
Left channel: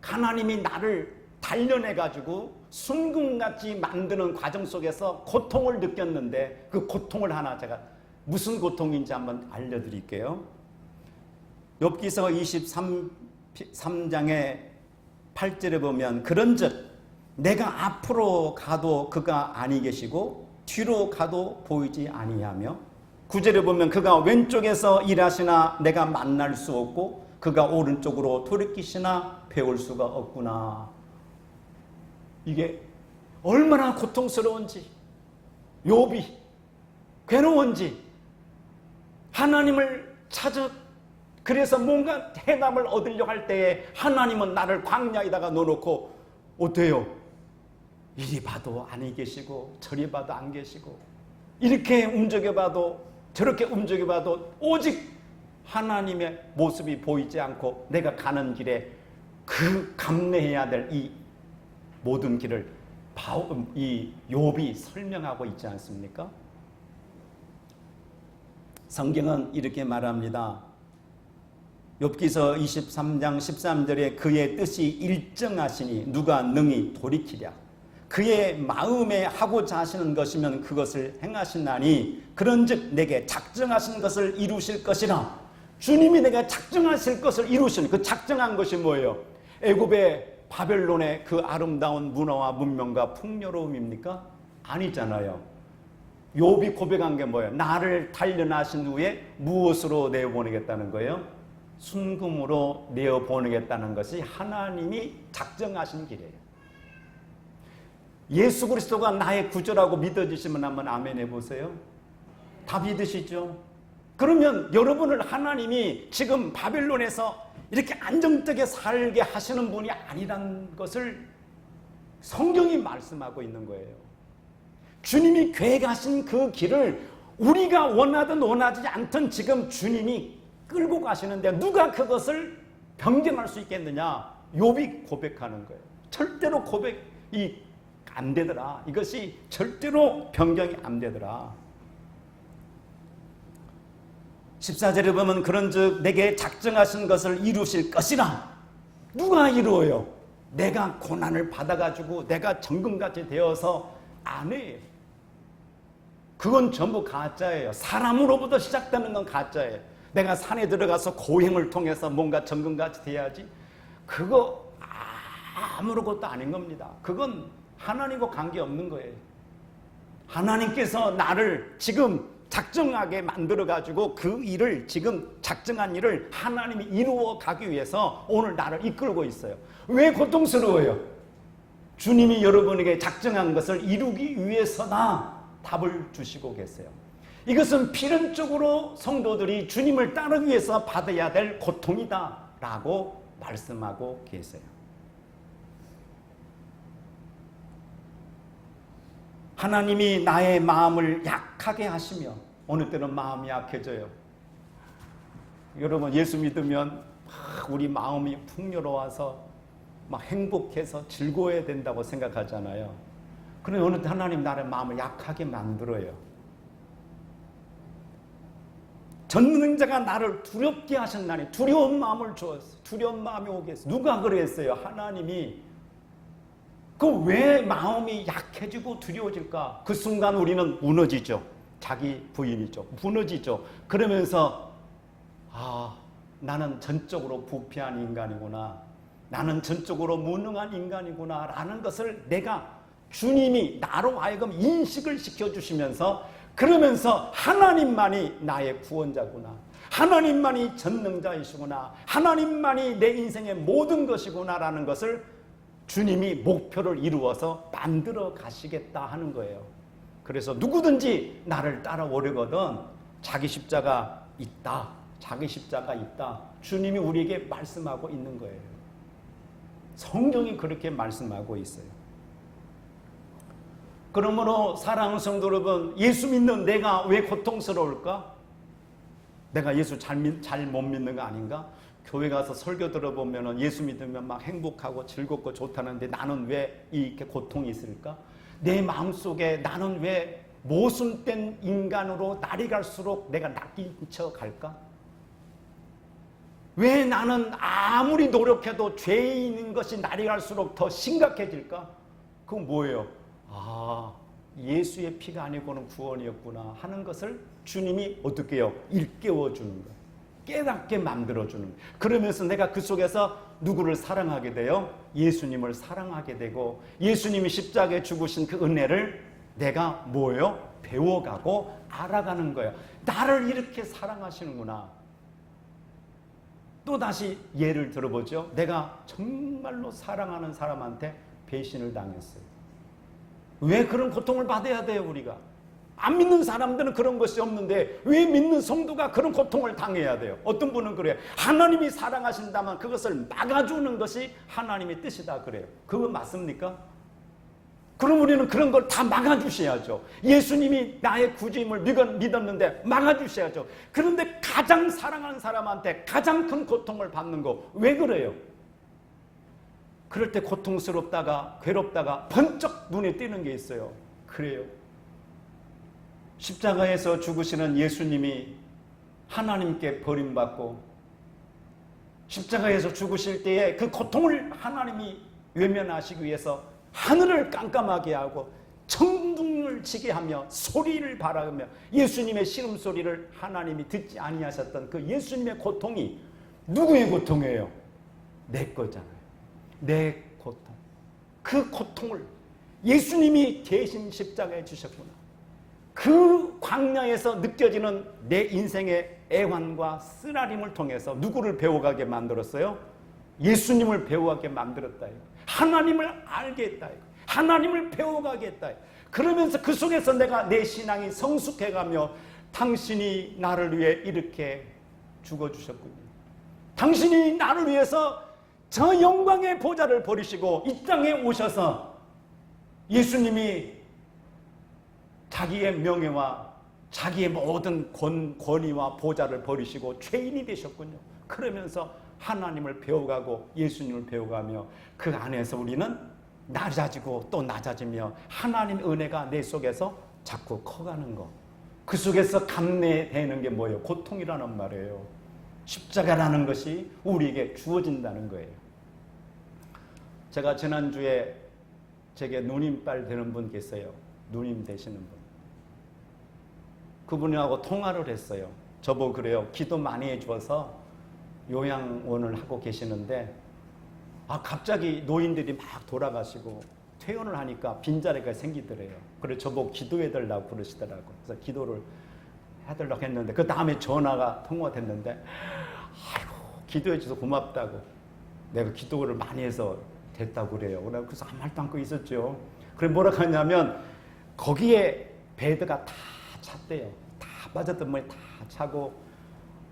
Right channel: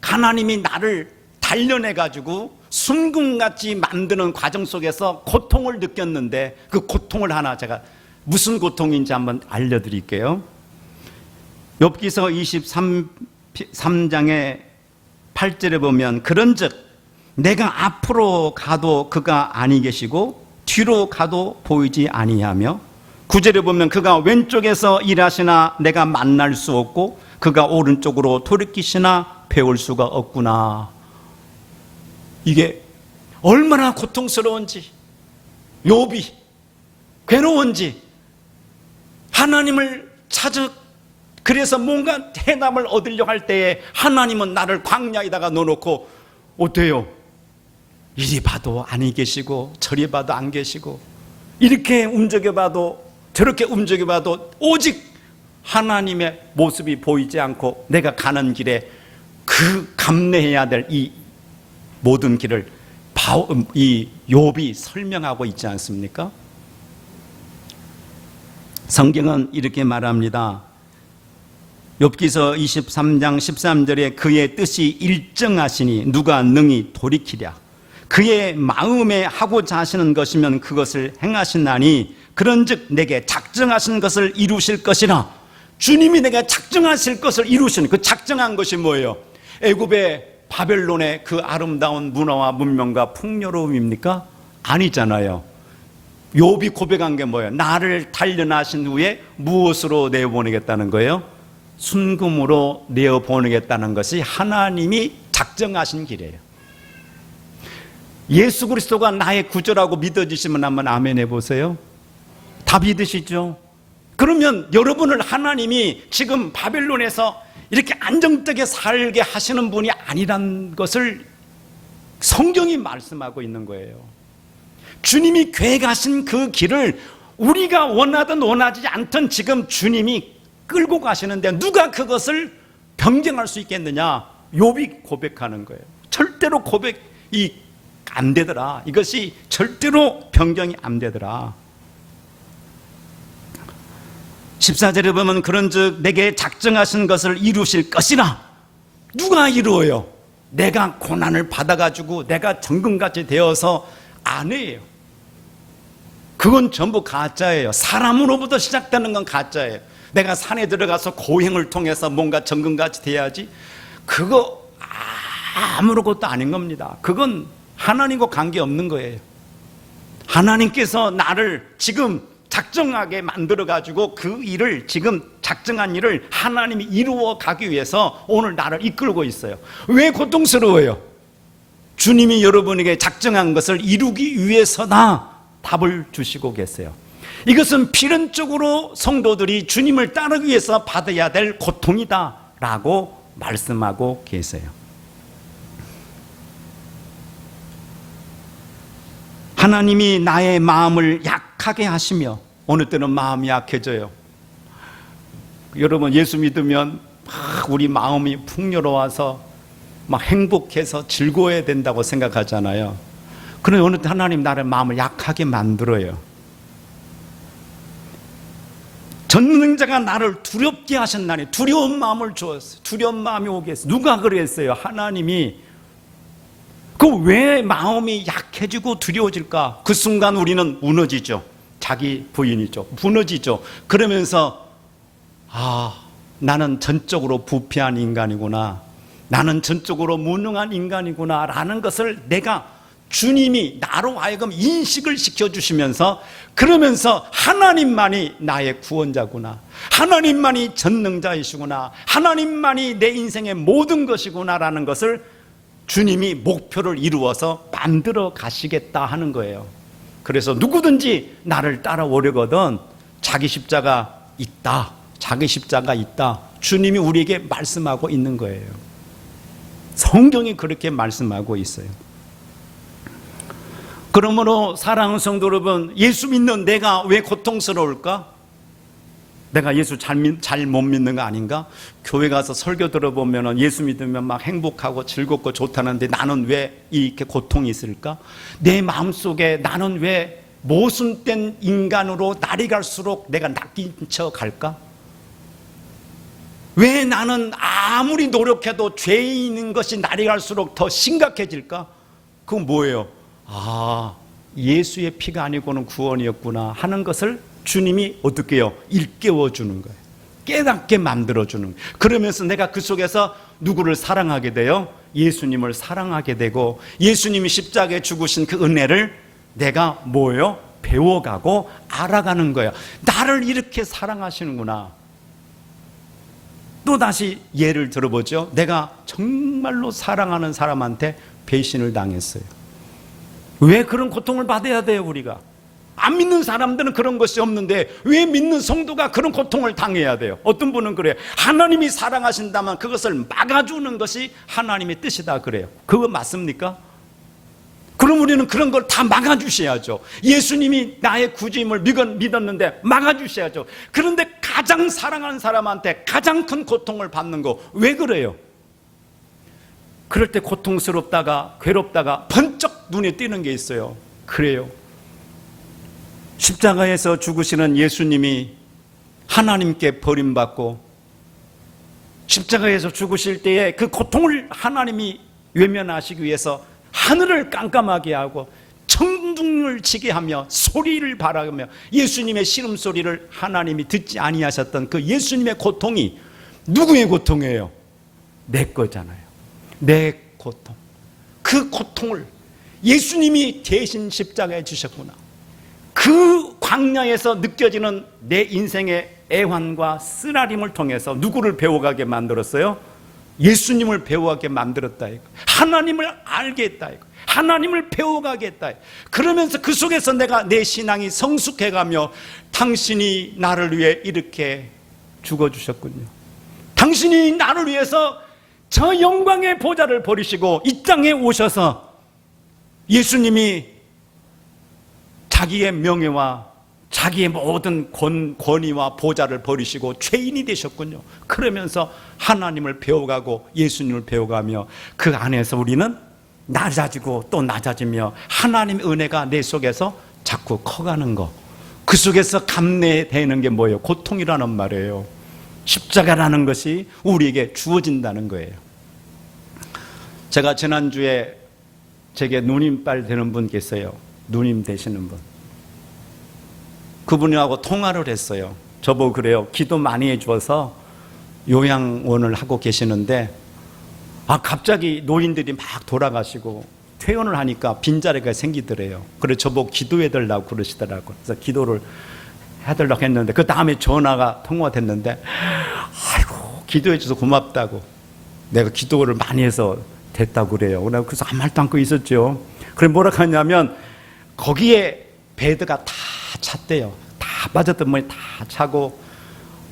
하나님이 나를 단련해 가지고 순금같이 만드는 과정 속에서 고통을 느꼈는데 그 고통을 하나 제가 무슨 고통인지 한번 알려드릴게요. 욥기서 23장의 8절에 보면 그런즉 내가 앞으로 가도 그가 아니 계시고 뒤로 가도 보이지 아니하며, 9절에 보면 그가 왼쪽에서 일하시나 내가 만날 수 없고 그가 오른쪽으로 돌이키시나 배울 수가 없구나. 이게 얼마나 고통스러운지, 욥이 괴로운지, 하나님을 찾아 그래서 뭔가 해답을 얻으려고 할 때에 하나님은 나를 광야에다가 넣어놓고 어때요? 이리 봐도 아니 계시고 저리 봐도 안 계시고 이렇게 움직여봐도 저렇게 움직여봐도 오직 하나님의 모습이 보이지 않고 내가 가는 길에 그 감내해야 될 이 모든 길을 이 욥이 설명하고 있지 않습니까? 성경은 이렇게 말합니다. 욥기서 23장 13절에 그의 뜻이 일정하시니 누가 능히 돌이키랴. 그의 마음에 하고자 하시는 것이면 그것을 행하시나니 그런즉 내게 작정하신 것을 이루실 것이라. 주님이 내가 작정하실 것을 이루신 그 작정한 것이 뭐예요? 애굽의 바벨론의 그 아름다운 문화와 문명과 풍요로움입니까? 아니잖아요. 욥이 고백한 게 뭐예요? 나를 단련하신 후에 무엇으로 내어보내겠다는 거예요? 순금으로 내어보내겠다는 것이 하나님이 작정하신 길이에요. 예수 그리스도가 나의 구주라고 믿어지시면 한번 아멘 해보세요. 다윗이시죠. 그러면 여러분을 하나님이 지금 바빌론에서 이렇게 안정되게 살게 하시는 분이 아니란 것을 성경이 말씀하고 있는 거예요. 주님이 계획하신 그 길을 우리가 원하든 원하지 않든 지금 주님이 끌고 가시는데 누가 그것을 변경할 수 있겠느냐? 욥이 고백하는 거예요. 절대로 고백이 안 되더라. 이것이 절대로 변경이 안 되더라. 14절에 보면 그런즉 내게 작정하신 것을 이루실 것이라. 누가 이루어요? 내가 고난을 받아가지고 내가 정금같이 되어서 안 해요. 그건 전부 가짜예요. 사람으로부터 시작되는 건 가짜예요. 내가 산에 들어가서 고행을 통해서 뭔가 정금같이 돼야지, 그거 아무것도 아닌 겁니다. 그건 하나님과 관계없는 거예요. 하나님께서 나를 지금 작정하게 만들어가지고 그 일을, 지금 작정한 일을 하나님이 이루어 가기 위해서 오늘 나를 이끌고 있어요. 왜 고통스러워요? 주님이 여러분에게 작정한 것을 이루기 위해서다 답을 주시고 계세요. 이것은 필연적으로 성도들이 주님을 따르기 위해서 받아야 될 고통이다 라고 말씀하고 계세요. 하나님이 나의 마음을 약하게 하시며, 어느 때는 마음이 약해져요. 여러분 예수 믿으면 막 우리 마음이 풍요로워서 막 행복해서 즐거워야 된다고 생각하잖아요. 그런데 어느 때 하나님 나의 마음을 약하게 만들어요. 전능자가 나를 두렵게 하셨나니 두려운 마음을 주었어요. 두려운 마음이 오게 했어요. 누가 그랬어요? 하나님이. 그 왜 마음이 약해지고 두려워질까? 그 순간 우리는 무너지죠. 자기 부인이죠. 무너지죠. 그러면서 나는 전적으로 부패한 인간이구나, 나는 전적으로 무능한 인간이구나 라는 것을 내가, 주님이 나로 하여금 인식을 시켜주시면서, 그러면서 하나님만이 나의 구원자구나, 하나님만이 전능자이시구나, 하나님만이 내 인생의 모든 것이구나 라는 것을 주님이 목표를 이루어서 만들어 가시겠다 하는 거예요. 그래서 누구든지 나를 따라오려거든 자기 십자가 있다, 자기 십자가 있다, 주님이 우리에게 말씀하고 있는 거예요. 성경이 그렇게 말씀하고 있어요. 그러므로 사랑하는 성도 여러분, 예수 믿는 내가 왜 고통스러울까? 내가 예수 잘 못 믿는 거 아닌가? 교회 가서 설교 들어보면 예수 믿으면 막 행복하고 즐겁고 좋다는데 나는 왜 이렇게 고통이 있을까? 내 마음속에 나는 왜 모순된 인간으로 날이 갈수록 내가 낚인 척 갈까? 왜 나는 아무리 노력해도 죄인인 것이 날이 갈수록 더 심각해질까? 그건 뭐예요? 예수의 피가 아니고는 구원이었구나 하는 것을 주님이 어떻게 해요? 일깨워 주는 거예요. 깨닫게 만들어 주는 거예요. 그러면서 내가 그 속에서 누구를 사랑하게 돼요? 예수님을 사랑하게 되고, 예수님이 십자가에 죽으신 그 은혜를 내가 뭐예요? 배워가고 알아가는 거예요. 나를 이렇게 사랑하시는구나. 또 다시 예를 들어보죠. 내가 정말로 사랑하는 사람한테 배신을 당했어요. 왜 그런 고통을 받아야 돼요? 우리가 안 믿는 사람들은 그런 것이 없는데 왜 믿는 성도가 그런 고통을 당해야 돼요? 어떤 분은 그래요. 하나님이 사랑하신다면 그것을 막아주는 것이 하나님의 뜻이다 그래요. 그거 맞습니까? 그럼 우리는 그런 걸 다 막아주셔야죠. 예수님이 나의 구주임을 믿었는데 막아주셔야죠. 그런데 가장 사랑하는 사람한테 가장 큰 고통을 받는 거 왜 그래요? 그럴 때 고통스럽다가 괴롭다가 번쩍 눈에 띄는 게 있어요. 그래요. 십자가에서 죽으시는 예수님이 하나님께 버림받고 십자가에서 죽으실 때에 그 고통을 하나님이 외면하시기 위해서 하늘을 깜깜하게 하고 천둥을 치게 하며 소리를 발하며 예수님의 신음소리를 하나님이 듣지 아니하셨던 그 예수님의 고통이 누구의 고통이에요? 내 거잖아요. 내 고통. 그 고통을 예수님이 대신 십자가에 주셨구나. 그 광야에서 느껴지는 내 인생의 애환과 쓰라림을 통해서 누구를 배워가게 만들었어요? 예수님을 배워가게 만들었다 이거. 하나님을 알게 했다 이거. 하나님을 배워가겠다. 그러면서 그 속에서 내가 내 신앙이 성숙해가며 당신이 나를 위해 이렇게 죽어주셨군요. 당신이 나를 위해서 저 영광의 보좌를 버리시고 이 땅에 오셔서 예수님이 자기의 명예와 자기의 모든 권위와 보좌를 버리시고 죄인이 되셨군요. 그러면서 하나님을 배워가고 예수님을 배워가며 그 안에서 우리는 낮아지고 또 낮아지며 하나님의 은혜가 내 속에서 자꾸 커가는 거. 그 속에서 감내되는 게 뭐예요? 고통이라는 말이에요. 십자가라는 것이 우리에게 주어진다는 거예요. 제가 지난주에 제게 누님빨 되는 분 계세요. 누님 되시는 분. 그분하고 통화를 했어요. 저보고 그래요. 기도 많이 해주어서 요양원을 하고 계시는데 갑자기 노인들이 막 돌아가시고 퇴원을 하니까 빈자리가 생기더래요. 그래서 저보고 기도해달라고 그러시더라고요. 그래서 기도를 해달라고 했는데 그 다음에 전화가 통화됐는데 아이고 기도해줘서 고맙다고 내가 기도를 많이 해서 됐다고 그래요. 그래서 아무 말도 않고 있었죠. 그래 뭐라 하냐면 거기에 베드가 다 찼대요. 다 빠졌던 분이 다 차고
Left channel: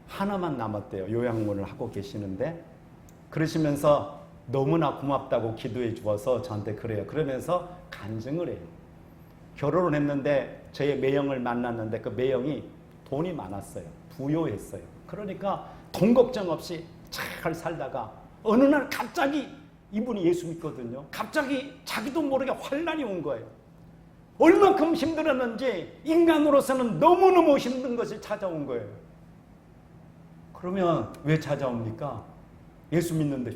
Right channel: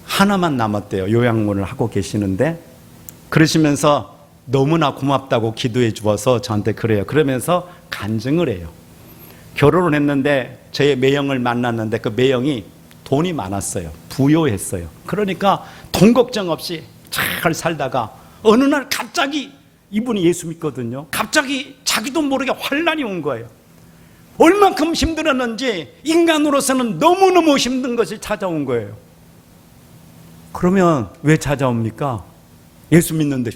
하나만 남았대요. 요양원을 하고 계시는데 그러시면서 너무나 고맙다고 기도해 주어서 저한테 그래요. 그러면서 간증을 해요. 결혼을 했는데 저의 매형을 만났는데 그 매형이 돈이 많았어요. 부유했어요. 그러니까 돈 걱정 없이 잘 살다가 어느 날 갑자기 이분이 예수 믿거든요. 갑자기 자기도 모르게 환난이 온 거예요. 얼만큼 힘들었는지 인간으로서는 너무너무 힘든 것이 찾아온 거예요. 그러면 왜 찾아옵니까? 예수 믿는데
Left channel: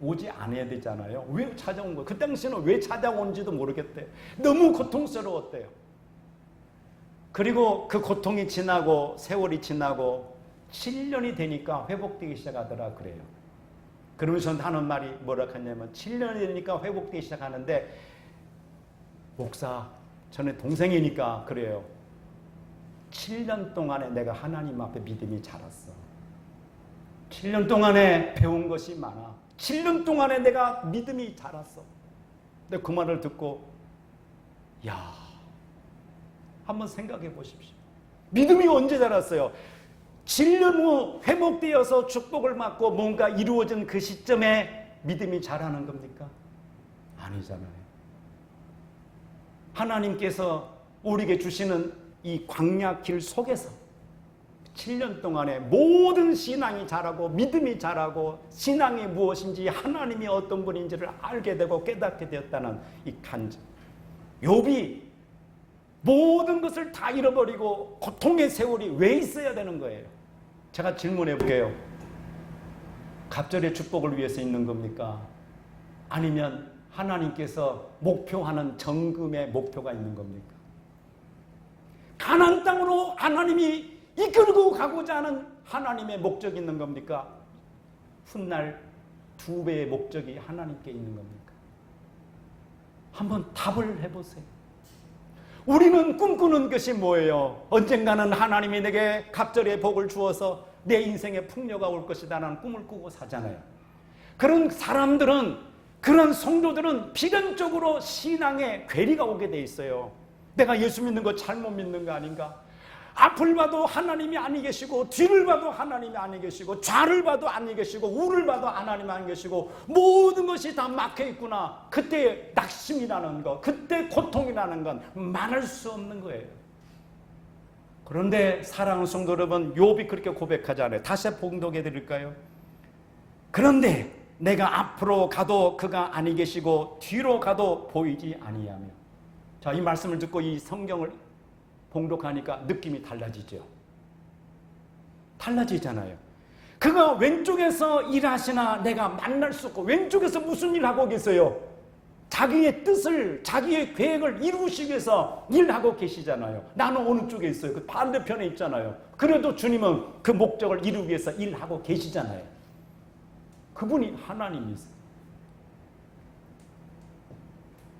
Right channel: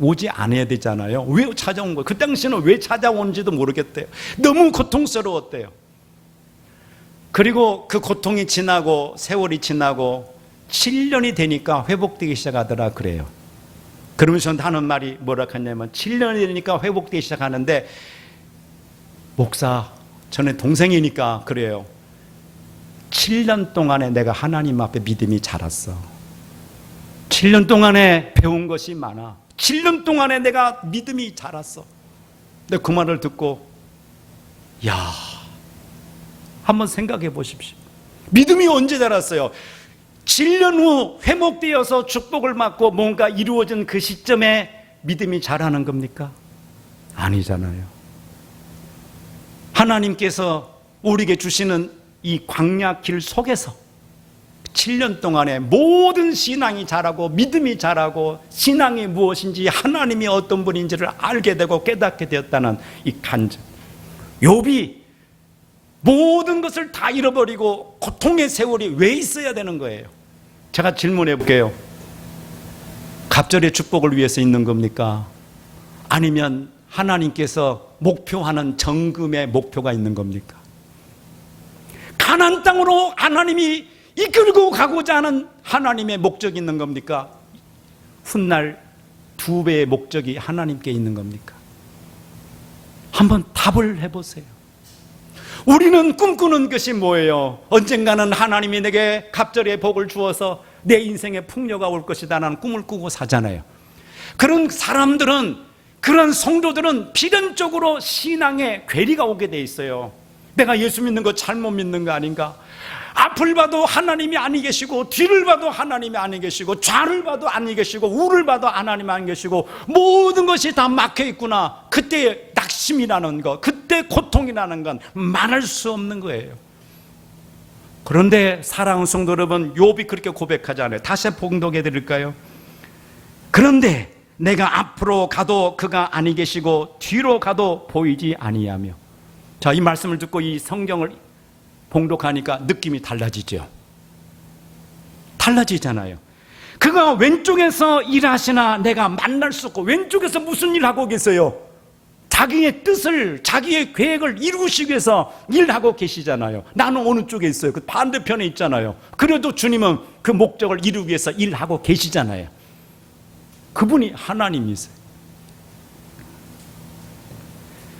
오지 않아야 되잖아요. 왜 찾아온 거예요? 그 당시는 왜 찾아온지도 모르겠대요. 너무 고통스러웠대요. 그리고 그 고통이 지나고 세월이 지나고 7년이 되니까 회복되기 시작하더라 그래요. 그러면서 하는 말이 뭐라 하냐면 7년이 되니까 회복되기 시작하는데 목사, 저는 동생이니까 그래요. 7년 동안에 내가 하나님 앞에 믿음이 자랐어. 7년 동안에 배운 것이 많아. 7년 동안에 내가 믿음이 자랐어. 근데 그 말을 듣고 한번 생각해 보십시오. 믿음이 언제 자랐어요? 7년 후 회복되어서 축복을 받고 뭔가 이루어진 그 시점에 믿음이 자라는 겁니까? 아니잖아요. 하나님께서 우리에게 주시는 이 광야 길 속에서 7년 동안에 모든 신앙이 자라고 믿음이 자라고 신앙이 무엇인지 하나님이 어떤 분인지를 알게 되고 깨닫게 되었다는 이 간증. 욥이 모든 것을 다 잃어버리고 고통의 세월이 왜 있어야 되는 거예요? 제가 질문해 볼게요. 갑절의 축복을 위해서 있는 겁니까? 아니면 하나님께서 목표하는 정금의 목표가 있는 겁니까? 가나안 땅으로 하나님이 이끌고 가고자 하는 하나님의 목적이 있는 겁니까? 훗날 2배의 목적이 하나님께 있는 겁니까? 한번 답을 해보세요. 우리는 꿈꾸는 것이 뭐예요? 언젠가는 하나님이 내게 갑절의 복을 주어서 내 인생에 풍요가 올 것이다 라는 꿈을 꾸고 사잖아요. 그런 사람들은, 그런 성도들은 필연적으로 신앙에 괴리가 오게 돼 있어요. 내가 예수 믿는 거 잘못 믿는 거 아닌가? 앞을 봐도 하나님이 아니 계시고, 뒤를 봐도 하나님이 아니 계시고, 좌를 봐도 아니 계시고, 우를 봐도 하나님이 아니 계시고, 모든 것이 다 막혀 있구나. 그때 낙심이라는 것, 그때 고통이라는 건 말할 수 없는 거예요. 그런데 사랑하는 성도 여러분, 욥이 그렇게 고백하잖아요. 다시 봉독해 드릴까요? 그런데 내가 앞으로 가도 그가 아니 계시고 뒤로 가도 보이지 아니하며. 자, 이 말씀을 듣고 이 성경을 봉독하니까 느낌이 달라지죠. 달라지잖아요. 그가 왼쪽에서 일하시나 내가 만날 수 없고, 왼쪽에서 무슨 일 하고 계세요? 자기의 뜻을, 자기의 계획을 이루시기 위해서 일하고 계시잖아요. 나는 어느 쪽에 있어요? 그 반대편에 있잖아요. 그래도 주님은 그 목적을 이루기 위해서 일하고 계시잖아요. 그분이 하나님이세요.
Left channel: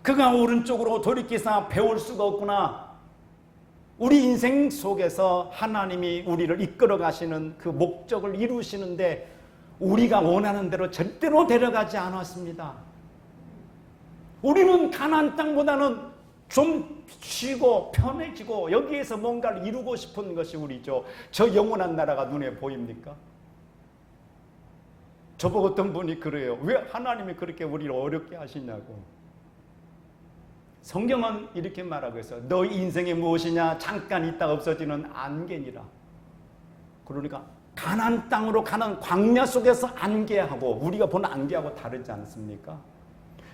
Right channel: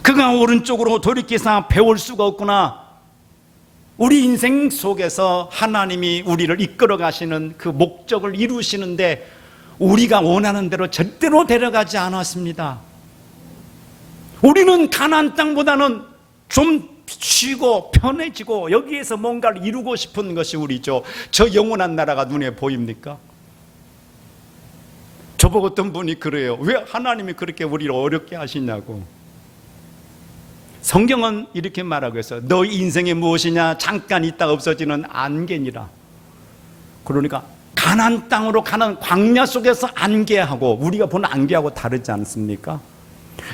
그가 오른쪽으로 돌이켜서 배울 수가 없구나. 우리 인생 속에서 하나님이 우리를 이끌어 가시는 그 목적을 이루시는데 우리가 원하는 대로 절대로 데려가지 않았습니다. 우리는 가나안 땅보다는 좀 쉬고 편해지고 여기에서 뭔가를 이루고 싶은 것이 우리죠. 저 영원한 나라가 눈에 보입니까? 저보고 어떤 분이 그래요. 왜 하나님이 그렇게 우리를 어렵게 하시냐고. 성경은 이렇게 말하고 있어요. 너희 인생이 무엇이냐? 잠깐 있다 없어지는 안개니라. 그러니까 가나안 땅으로 가는 광야 속에서 안개하고 우리가 보는 안개하고 다르지 않습니까?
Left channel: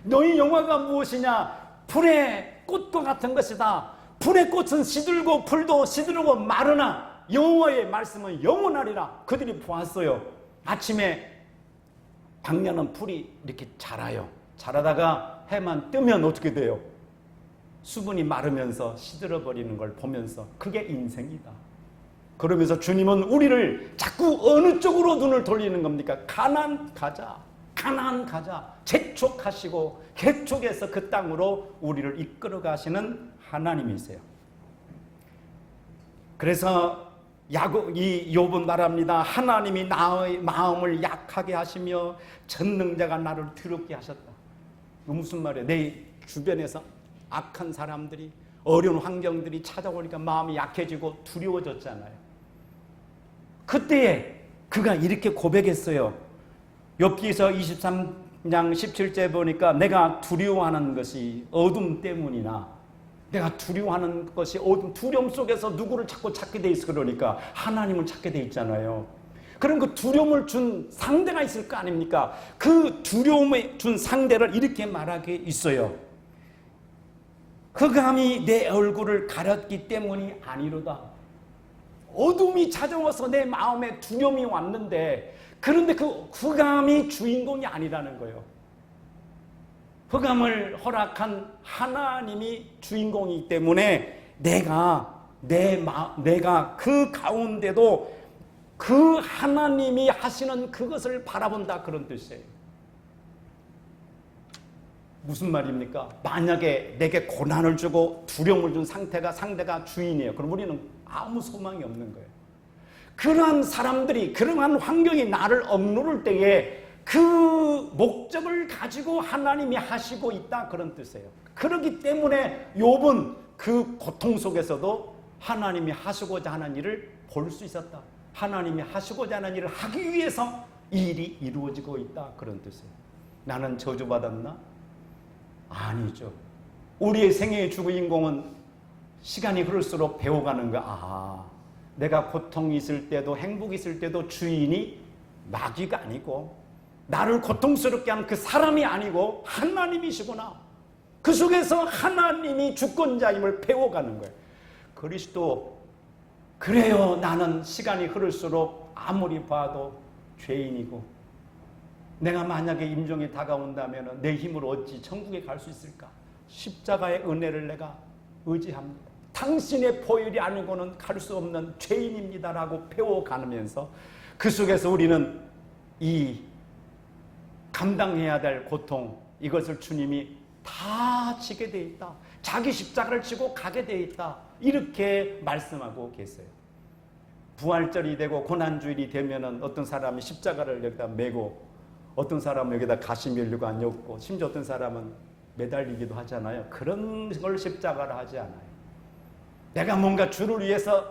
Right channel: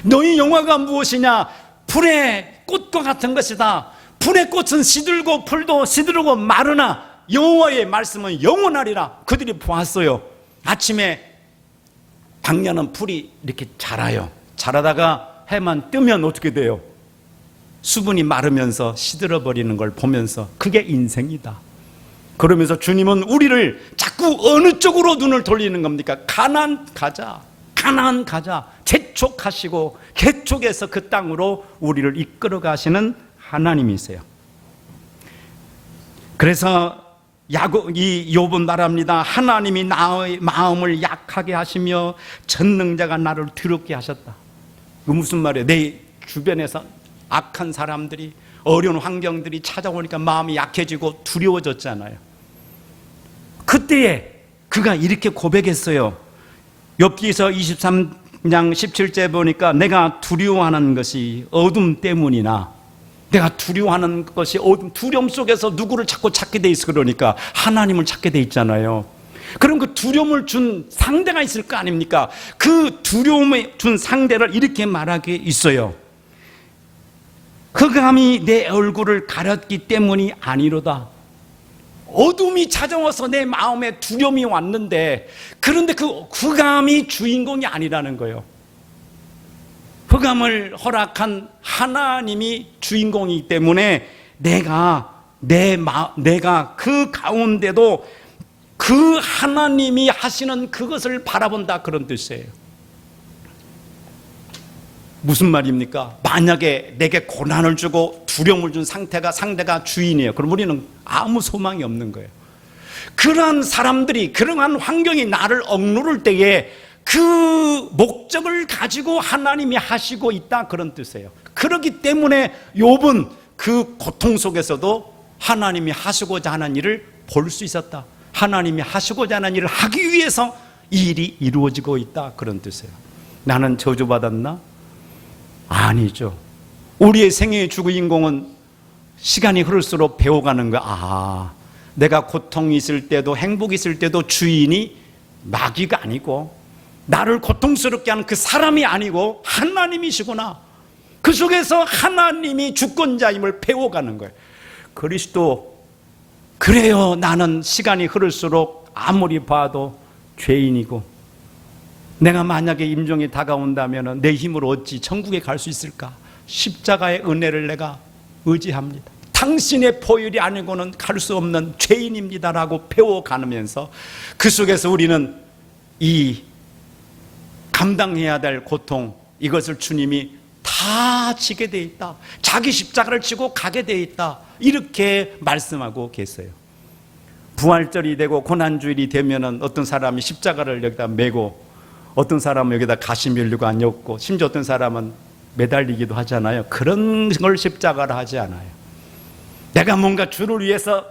너희 영화가 무엇이냐? 불의 꽃과 같은 것이다. 불의 꽃은 시들고 풀도 시들고 마르나 여호와의 말씀은 영원하리라. 그들이 보았어요. 아침에 광야는 풀이 이렇게 자라요. 자라다가 해만 뜨면 어떻게 돼요? 수분이 마르면서 시들어버리는 걸 보면서 그게 인생이다. 그러면서 주님은 우리를 자꾸 어느 쪽으로 눈을 돌리는 겁니까? 가나안 가자. 가나안 가자. 재촉하시고 개촉해서 그 땅으로 우리를 이끌어 가시는 하나님이세요. 그래서 이 욥은 말합니다. 하나님이 나의 마음을 약하게 하시며 전능자가 나를 두렵게 하셨다. 그 무슨 말이에요? 내 주변에서 악한 사람들이 어려운 환경들이 찾아오니까 마음이 약해지고 두려워졌잖아요. 그때에 그가 이렇게 고백했어요. 욥기서 23장 17절 보니까 내가 두려워하는 것이 어둠 때문이나 내가 두려워하는 것이 어둠, 두려움 속에서 누구를 자꾸 찾게 돼 있어. 그러니까 하나님을 찾게 돼 있잖아요. 그럼 그 두려움을 준 상대가 있을 거 아닙니까? 그 두려움을 준 상대를 이렇게 말하게 있어요. 흑암이 내 얼굴을 가렸기 때문이 아니로다. 어둠이 찾아와서 내 마음에 두려움이 왔는데, 그런데 그 흑암이 주인공이 아니라는 거예요. 흑암을 허락한 하나님이 주인공이기 때문에 내가 그 가운데도 그 하나님이 하시는 그것을 바라본다, 그런 뜻이에요. 무슨 말입니까? 만약에 내게 고난을 주고 두려움을 준 상대가 주인이에요. 그럼 우리는 아무 소망이 없는 거예요. 그러한 사람들이, 그러한 환경이 나를 억누를 때에 그 목적을 가지고 하나님이 하시고 있다, 그런 뜻이에요. 그렇기 때문에 욥은 그 고통 속에서도 하나님이 하시고자 하는 일을 볼 수 있었다. 하나님이 하시고자 하는 일을 하기 위해서 이 일이 이루어지고 있다, 그런 뜻이에요. 나는 저주받았나? 아니죠. 우리의 생애의 주인공은 시간이 흐를수록 배워가는 거야. 내가 고통이 있을 때도 행복이 있을 때도 주인이 마귀가 아니고 나를 고통스럽게 하는 그 사람이 아니고 하나님이시구나. 그 속에서 하나님이 주권자임을 배워가는 거예요. 그리스도, 그래요. 나는 시간이 흐를수록 아무리 봐도 죄인이고, 내가 만약에 임종이 다가온다면 내 힘으로 어찌 천국에 갈 수 있을까? 십자가의 은혜를 내가 의지합니다. 당신의 포율이 아니고는 갈 수 없는 죄인입니다라고 배워가면서 그 속에서 우리는 이 감당해야 될 고통, 이것을 주님이 다 지게 돼 있다. 자기 십자가를 지고 가게 돼 있다. 이렇게 말씀하고 계세요. 부활절이 되고 고난주일이 되면은 어떤 사람이 십자가를 여기다 메고, 어떤 사람은 여기다 가시밀류가 엮고, 심지어 어떤 사람은 매달리기도 하잖아요. 그런 걸 십자가를 하지 않아요. 내가 뭔가 주를 위해서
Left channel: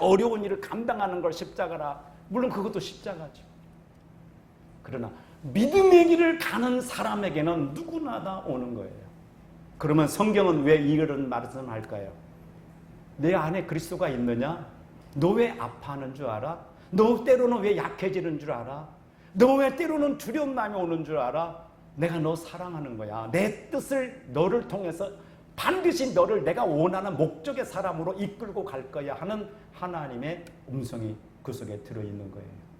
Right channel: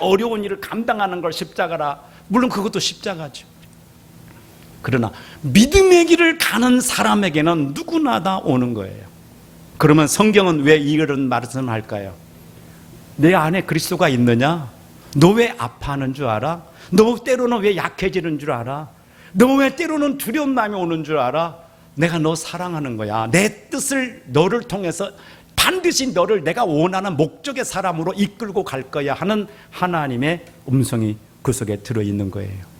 어려운 일을 감당하는 걸 십자가라. 물론 그것도 십자가죠. 그러나 믿음의 길을 가는 사람에게는 누구나 다 오는 거예요. 그러면 성경은 왜 이런 말씀을 할까요? 내 안에 그리스도가 있느냐? 너 왜 아파하는 줄 알아? 너 때로는 왜 약해지는 줄 알아? 너 왜 때로는 두려운 마음이 오는 줄 알아? 내가 너 사랑하는 거야. 내 뜻을 너를 통해서 반드시 너를 내가 원하는 목적의 사람으로 이끌고 갈 거야 하는 하나님의 음성이 그 속에 들어있는 거예요.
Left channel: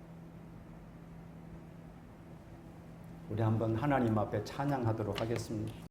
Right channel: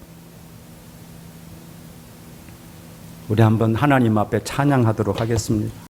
우리 한번 하나님 앞에 찬양하도록 하겠습니다.